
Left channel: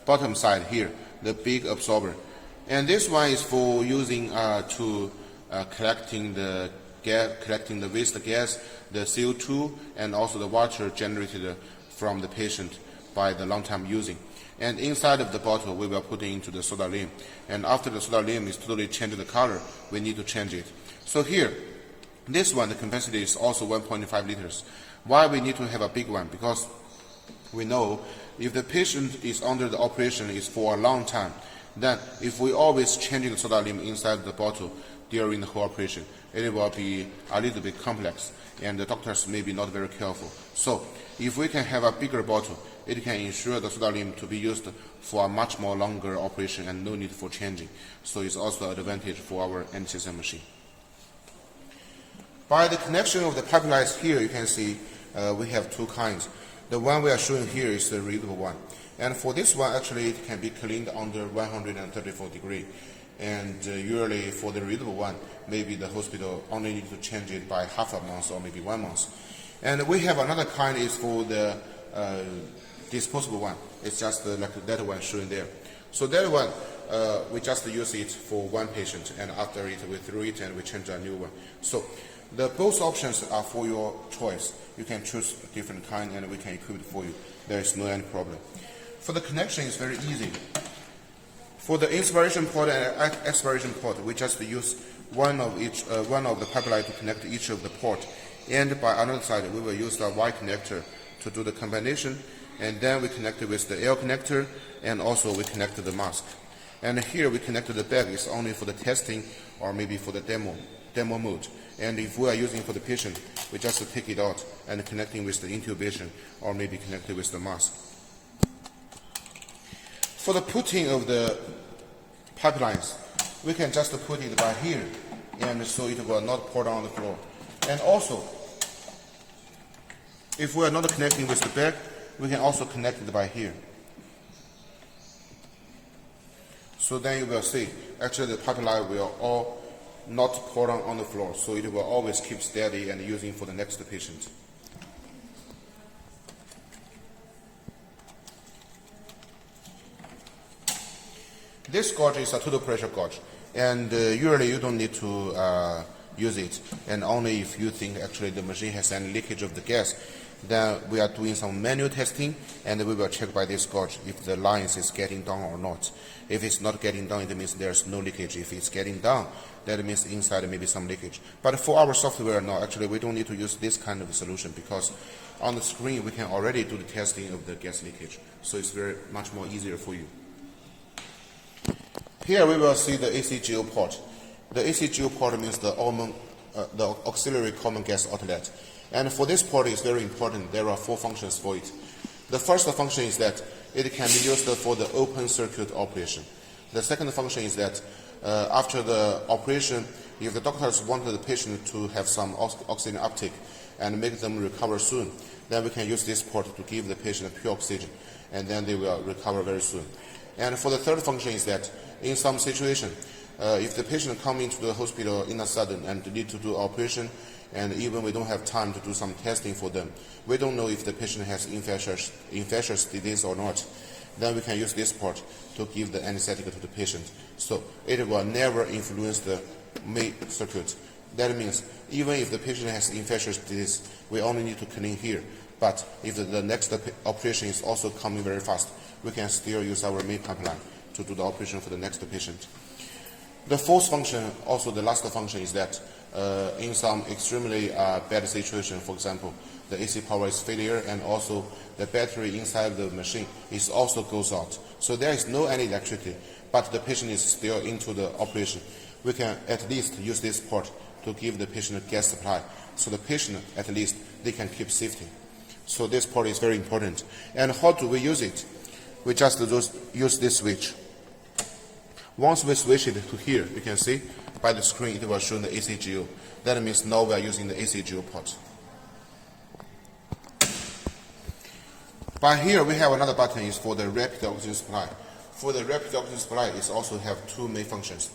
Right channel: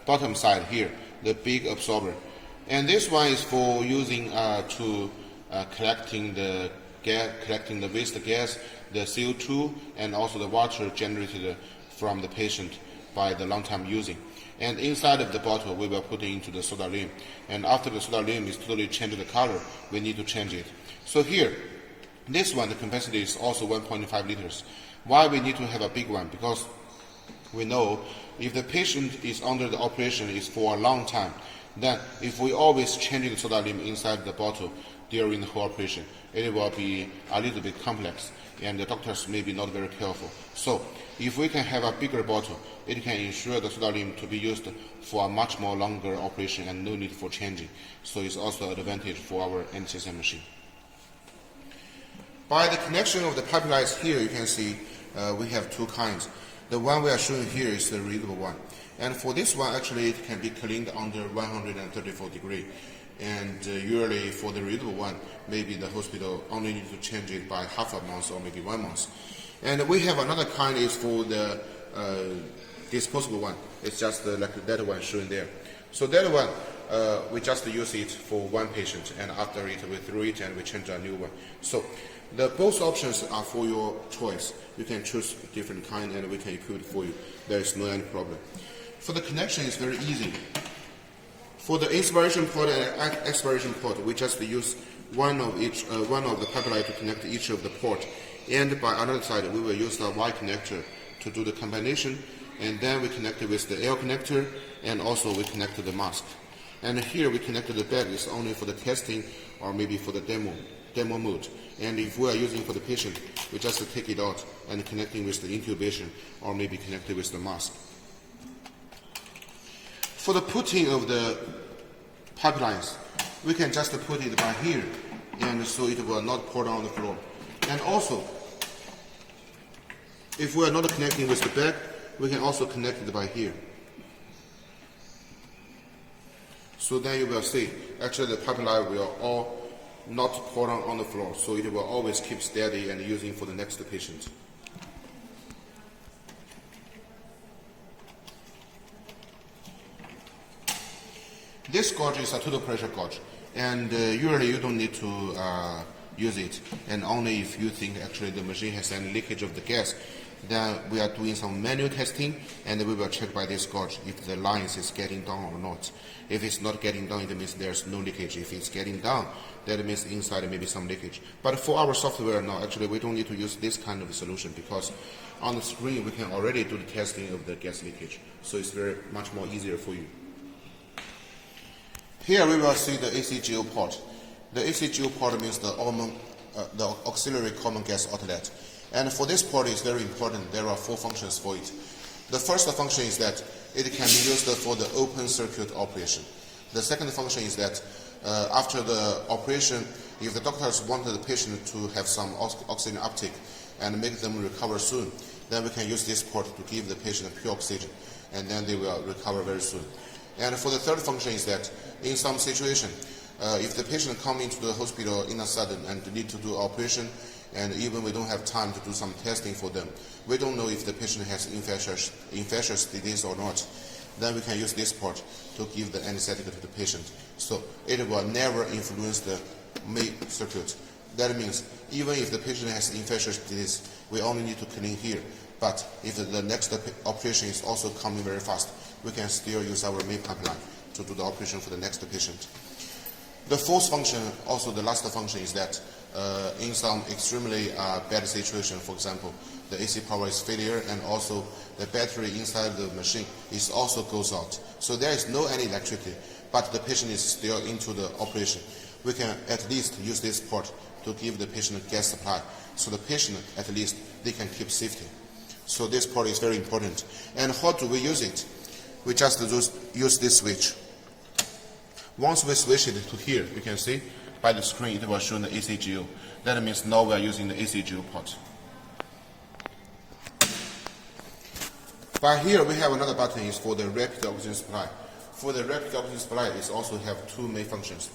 bottom side here, the big absorber. And this one is for using collecting the waste gas, the CO2, and also the water generated from the patient by the long time using. And inside of the bottle, we will put into the soda lime. And after the soda lime is totally changed the color, we need to change it. So here, this one, the capacity is also 1.5 liters. Why we need to have a big one? Because we know if the patient is under the operation is for a long time, then if we always change the soda lime inside the bottle during the whole operation, it will be a little bit complex, and the doctors may be not very careful. So if we can have a bigger bottle, it can ensure the soda lime to be used for a much more longer operation and no need for changing. So it's also an advantage for our anesthesia machine. By the connection of the pipelines here, you can see we have two kinds. The one we are showing here is the reusable one. And for this one, actually, it can be cleaned under 134 degrees. And usually for the reusable one, maybe the hospital only need to change it by half a month or maybe 1 month. And we have another kind is for the disposable one. It's just like that one shown there. So that one, we just use it for one patient, and after it, we throw it and we change a new one. So both options are for your choice. You can choose different kind and we can equip it for you. There is no any problem. For the connection, it's very easy. For the inspiration port and expiration port, we just use one of the pipeline to connect each of the port. And by another side, we will use the Y connector to do the combination. And then we connect it with the L connector, and also we connect the mask. And here we connect the bag is only for the testing or maybe for the demo mode. And if we are using for the patient, we just take it out and connecting with the intubation or maybe connected with the mask. For the putting of the pipelines, we can just put it by here, and so it will not pour down the floor. And also, if we are not connecting with the bag, we can also connect it by here. So then you will see, actually the pipeline will all not pour down on the floor, so it will always keep steady and using for the next patient. This gauge is a total pressure gauge, and usually you don't need to use it, and only if you think actually the machine has any leakage of the gas, then we are doing some manual testing, and we will check by this gauge if the lines is getting down or not. If it's not getting down, it means there's no leakage. If it's getting down, that means inside maybe some leakage. But for our software, no, actually we don't need to use this kind of solution, because on the screen we can already do the testing of the gas leakage, so it's very much more easier for you. Here we will see the ACGO port. The ACGO port means the auxiliary common gas outlet. And for this port, it's very important. There are 4 functions for it. The first function is that it can be used for the open circuit operation. The second function is that after the operation, if the doctors want the patient to have some oxygen uptake and make them recover soon, then we can use this port to give the patient pure oxygen, and then they will recover very soon. And for the third function is that in some situation, if the patient come into the hospital in a sudden and need to do operation, and even we don't have time to do some testing for them, we don't know if the patient has infectious disease or not, then we can use this port to give the anesthetic to the patient. So it will never influence the main circuit. That means even if the patient has infectious disease, we only need to clean here. But if the next operation is also coming very fast, we can still use our main pipeline to do the operation for the next patient. The fourth function, also the last function, is that in some extremely bad situation, for example, the AC power is failure and also the battery inside the machine is also goes out. So there is no any electricity, but the patient is still into the operation. We can at least use this port to give the patient a gas supply, so the patient at least they can keep safety. So this port is very important. And how do we use it? We just use this switch. Once we switch it to here, you can see by the screen it will show the ACGO. That means now we are using the ACGO port. By here, we have another button is for the rapid oxygen supply. For the rapid oxygen supply, it also have two main functions.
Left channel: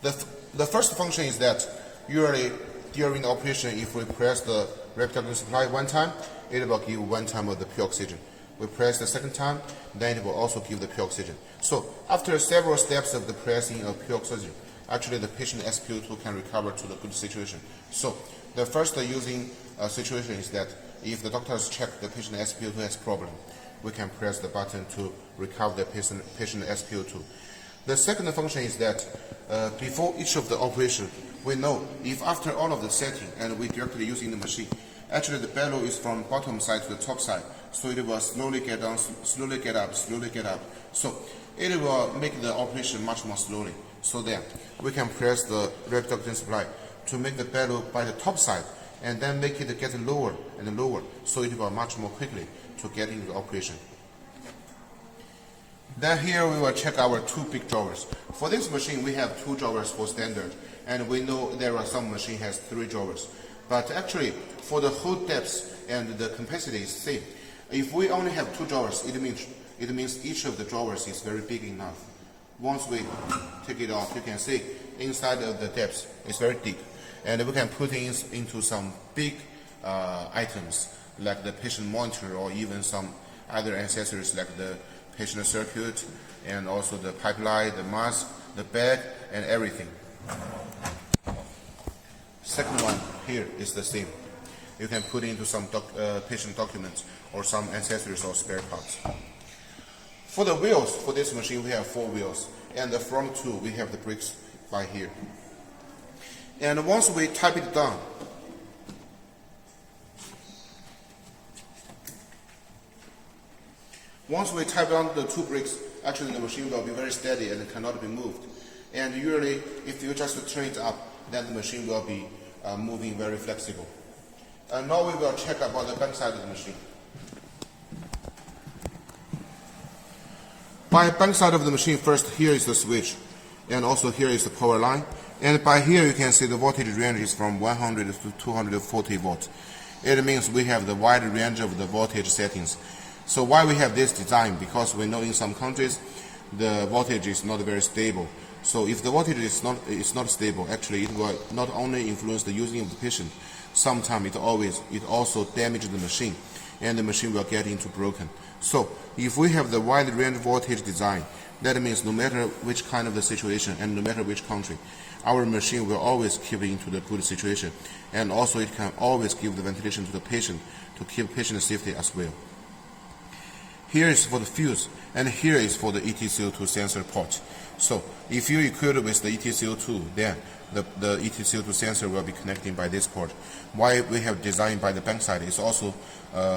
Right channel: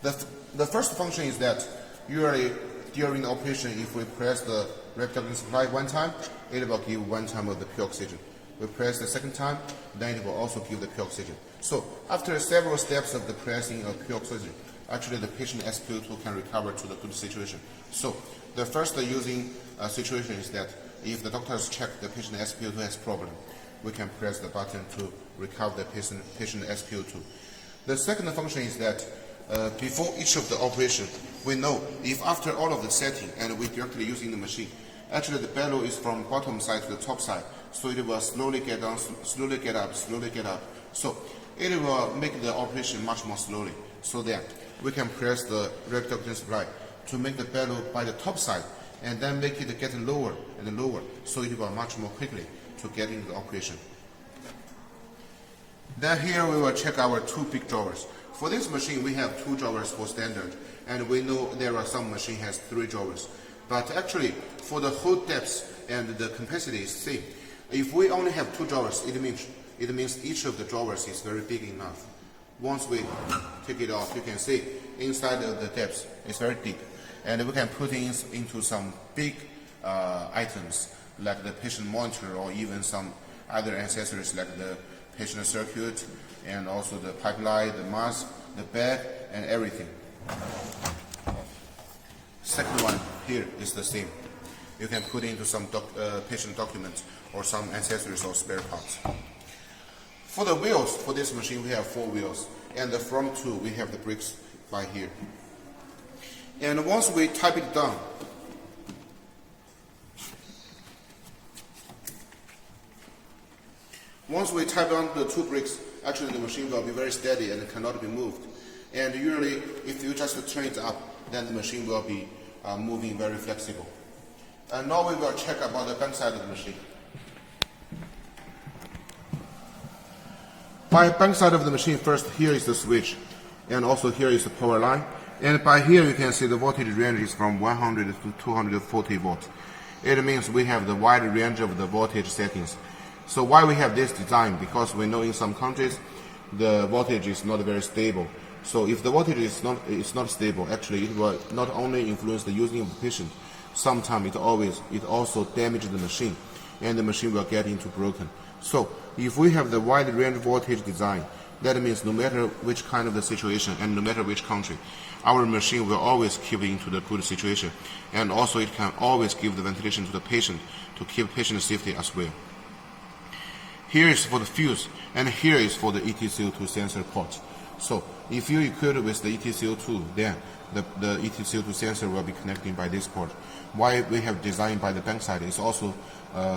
The first function is that usually during the operation, if we press the rapid oxygen supply one time, it will give one time of the pure oxygen. We press the second time, then it will also give the pure oxygen. So after several steps of the pressing of pure oxygen, actually the patient SpO2 can recover to the good situation. So the first using situation is that if the doctors check the patient SpO2 has problem, we can press the button to recover the patient SpO2. The second function is that before each of the operation, we know if after all of the setting and we directly using the machine, actually the bellow is from bottom side to the top side, so it will slowly get down, slowly get up, slowly get up. So it will make the operation much more slowly. So that we can press the rapid oxygen supply to make the bellow by the top side and then make it get lower and lower, so it will much more quickly to get into the operation. Then here we will check our two big drawers. For this machine, we have two drawers for standard, and we know there are some machine has three drawers. But actually, for the whole depth and the capacity is same. If we only have two drawers, it means each of the drawers is very big enough. Once we take it off, you can see inside of the depth is very deep, and we can put into some big items like the patient monitor or even some other accessories like the patient circuit and also the pipeline, the mask, the bag, and everything. Second one here is the same. You can put into some patient documents or some accessories or spare parts. For the wheels, for this machine, we have 4 wheels, and the front 2, we have the brakes by here. And once we type it down, the 2 brakes, actually the machine will be very steady and cannot be moved. And usually, if you just turn it up, then the machine will be moving very flexible. And now we will check about the back side of the machine. By back side of the machine, first here is the switch, and also here is the power line. And by here you can see the voltage range is from 100 to 240 volts. It means we have the wide range of the voltage settings. So why we have this design? Because we know in some countries the voltage is not very stable. So if the voltage is not stable, actually it will not only influence the using of the patient, sometimes it also damages the machine, and the machine will get into broken. So if we have the wide range voltage design, that means no matter which kind of the situation and no matter which country, our machine will always keep into the good situation, and also it can always give the ventilation to the patient to keep patient safety as well. Here is for the fuse, and here is for the EtCO2 sensor port. So if you equip it with the EtCO2, then the EtCO2 sensor will be connecting by this port. Why we have designed by the back side is also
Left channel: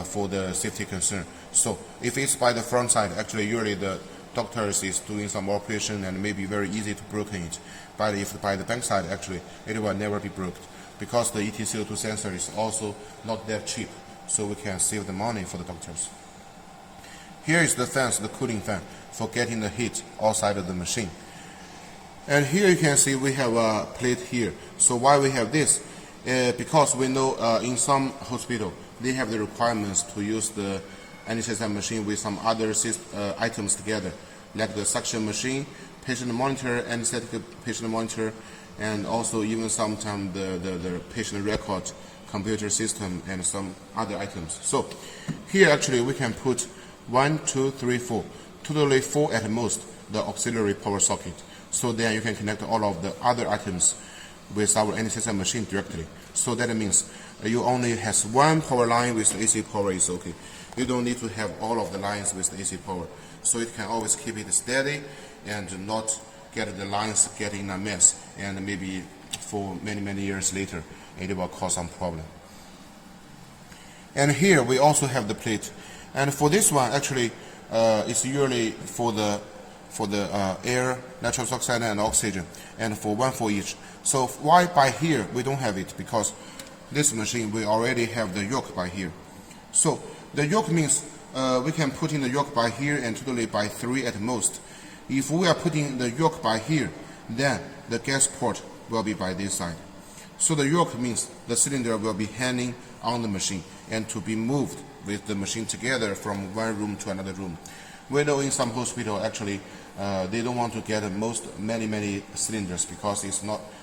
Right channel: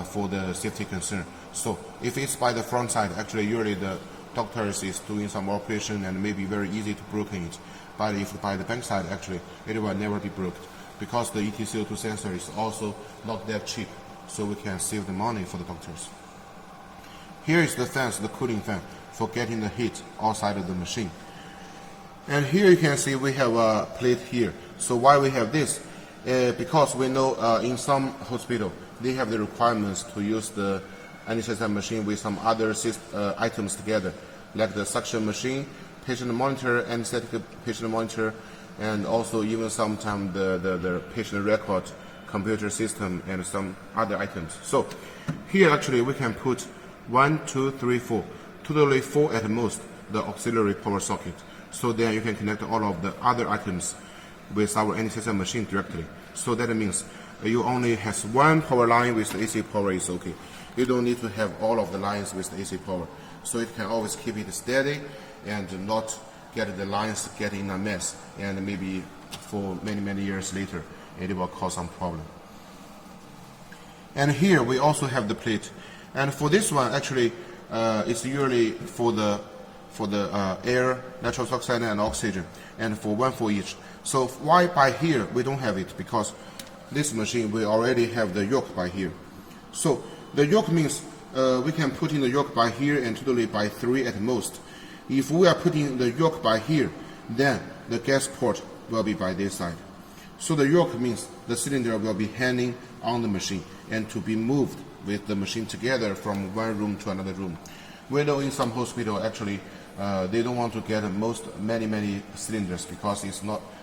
for the safety concern. So if it's by the front side, actually usually the doctors is doing some operation and maybe very easy to broken it. But if by the back side, actually it will never be broken, because the EtCO2 sensor is also not that cheap, so we can save the money for the doctors. Here is the fans, the cooling fan, for getting the heat outside of the machine. And here you can see we have a plate here. So why we have this? Because we know in some hospital they have the requirements to use the anesthesia machine with some other items together, like the suction machine, patient monitor, anesthetic patient monitor, and also even sometimes the patient record computer system and some other items. So here actually we can put 1, 2, 3, 4, totally 4 at most, the auxiliary power socket. So then you can connect all of the other items with our anesthesia machine directly. So that means you only has one power line with the AC power is okay. You don't need to have all of the lines with the AC power. So it can always keep it steady and not get the lines getting a mess, and maybe for many years later it will cause some problem. And here we also have the plate. And for this one, actually, it's usually for the air, nitrous oxide, and oxygen, and for one for each. So why by here we don't have it? Because this machine we already have the yoke by here. So the yoke means we can put in the yoke by here and totally by 3 at most. If we are putting the yoke by here, then the gas port will be by this side. So the yoke means the cylinder will be hanging on the machine and to be moved with the machine together from one room to another room. We know in some hospital actually they don't want to get many cylinders because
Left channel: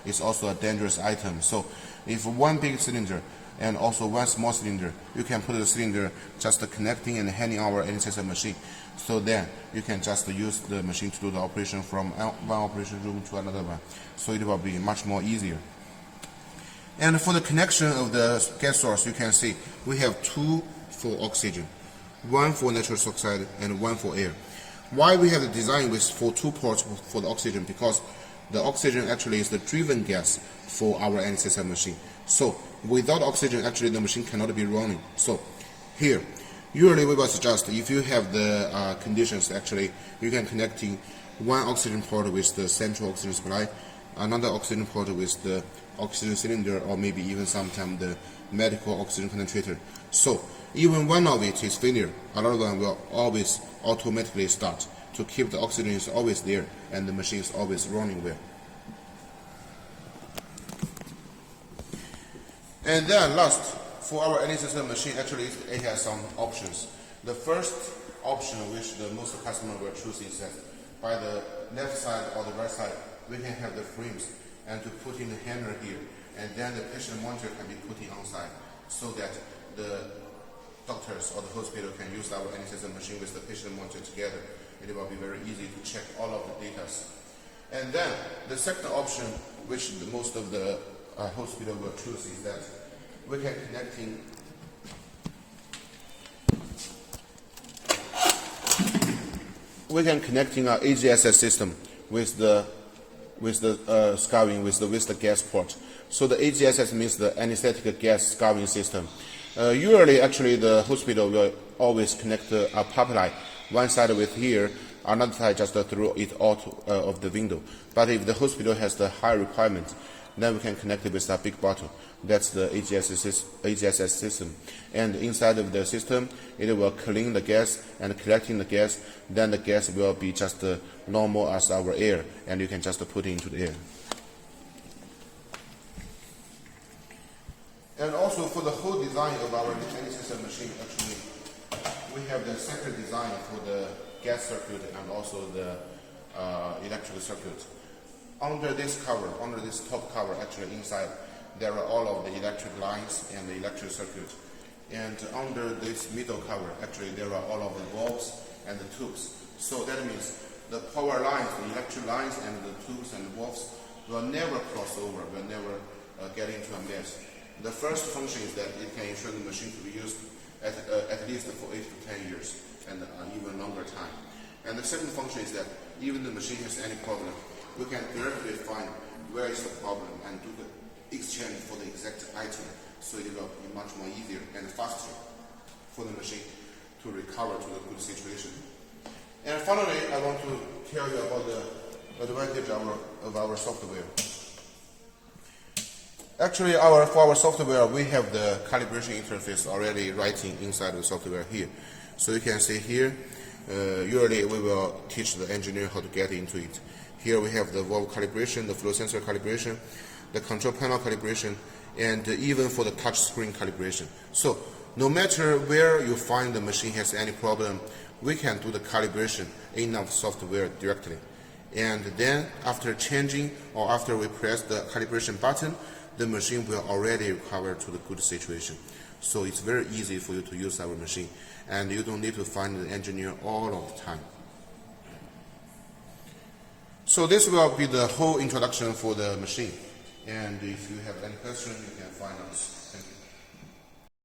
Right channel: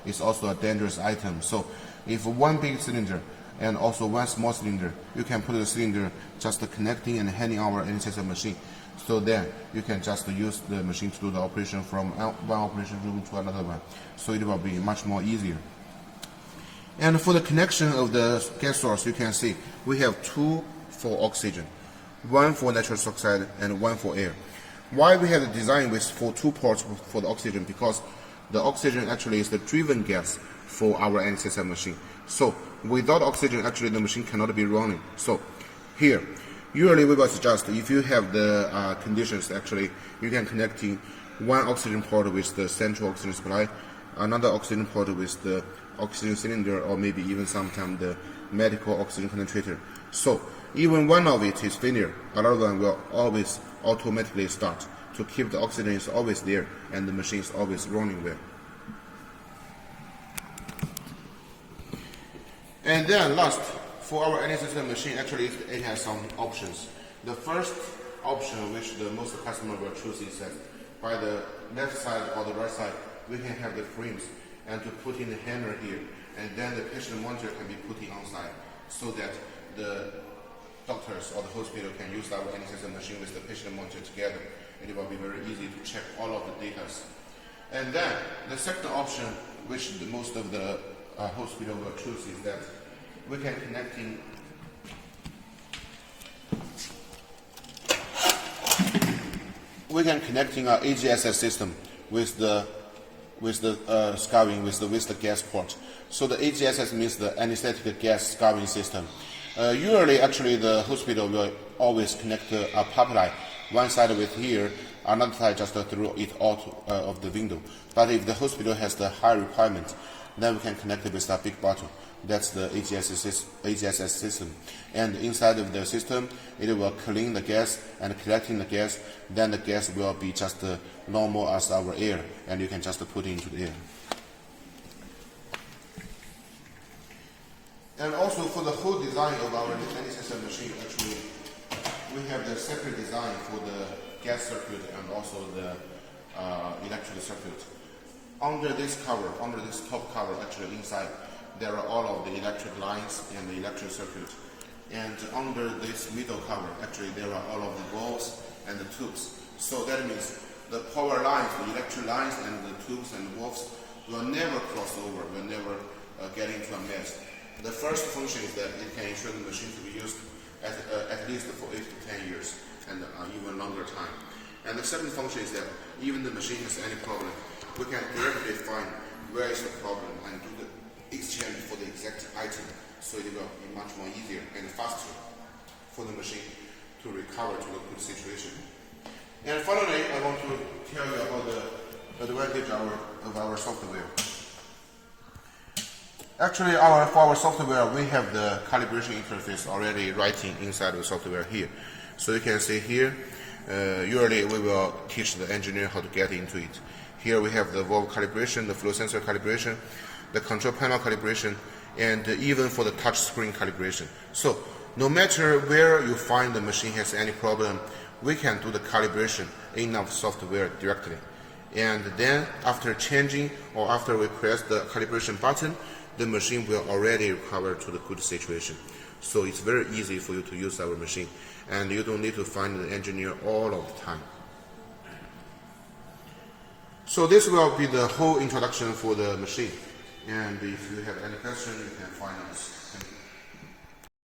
it's also a dangerous item. So if one big cylinder and also one small cylinder, you can put the cylinder just connecting and handing our anesthesia machine. So then you can just use the machine to do the operation from one operation room to another one. So it will be much more easier. And for the connection of the gas source, you can see we have two for oxygen, one for nitrous oxide and one for air. Why we have the design with for two ports for the oxygen? Because the oxygen actually is the driven gas for our anesthesia machine. So without oxygen, actually the machine cannot be running. So here, usually we will suggest if you have the conditions, actually you can connecting one oxygen port with the central oxygen supply, another oxygen port with the oxygen cylinder, or maybe even sometimes the medical oxygen concentrator. So even one of it is failure, another one will always automatically start to keep the oxygen is always there and the machine is always running well. And then last, for our anesthesia machine, actually it has some options. The first option which the most customer will choose is that by the left side or the right side we can have the frames and to put in the hammer here, and then the patient monitor can be put in on side so that the doctors or the hospital can use our anesthesia machine with the patient monitor together. It will be very easy to check all of the data. And then the second option which most of the hospital will choose is that we can connecting our AGSS system with the scouring with the gas port. So the AGSS means the anesthetic gas scouring system. Usually, actually, the hospital will always connect a pipeline, one side with here, another side just through it out of the window. But if the hospital has the high requirement, then we can connect it with a big bottle. That's the AGSS system. And inside of the system, it will clean the gas and collecting the gas. Then the gas will be just normal as our air, and you can just put it into the air. And also for the whole design of our anesthesia machine, actually, we have the separate design for the gas circuit and also the electrical circuit. Under this cover, under this top cover, actually inside, there are all of the electric lines and the electric circuit. And under this middle cover, actually there are all of the valves and the tubes. So that means the power lines, the electric lines and the tubes and valves will never cross over, will never get into a mess. The first function is that it can ensure the machine to be used at least for 8 to 10 years and even longer time. And the second function is that even the machine has any problem, we can directly find where is the problem and do the exchange for the exact item, so it will be much more easier and faster for the machine to recover to a good situation. And finally, I want to tell you about the advantage of our software. Actually, for our software, we have the calibration interface already writing inside the software here. So you can see here, usually we will teach the engineer how to get into it. Here we have the valve calibration, the flow sensor calibration, the control panel calibration, and even for the touch screen calibration. So no matter where you find the machine has any problem, we can do the calibration in our software directly. And then after changing or after we press the calibration button, the machine will already recover to the good situation. So it's very easy for you to use our machine, and you don't need to find an engineer all of the time. So this will be the whole introduction for the machine. And if you have any questions, you can find us. Thank you.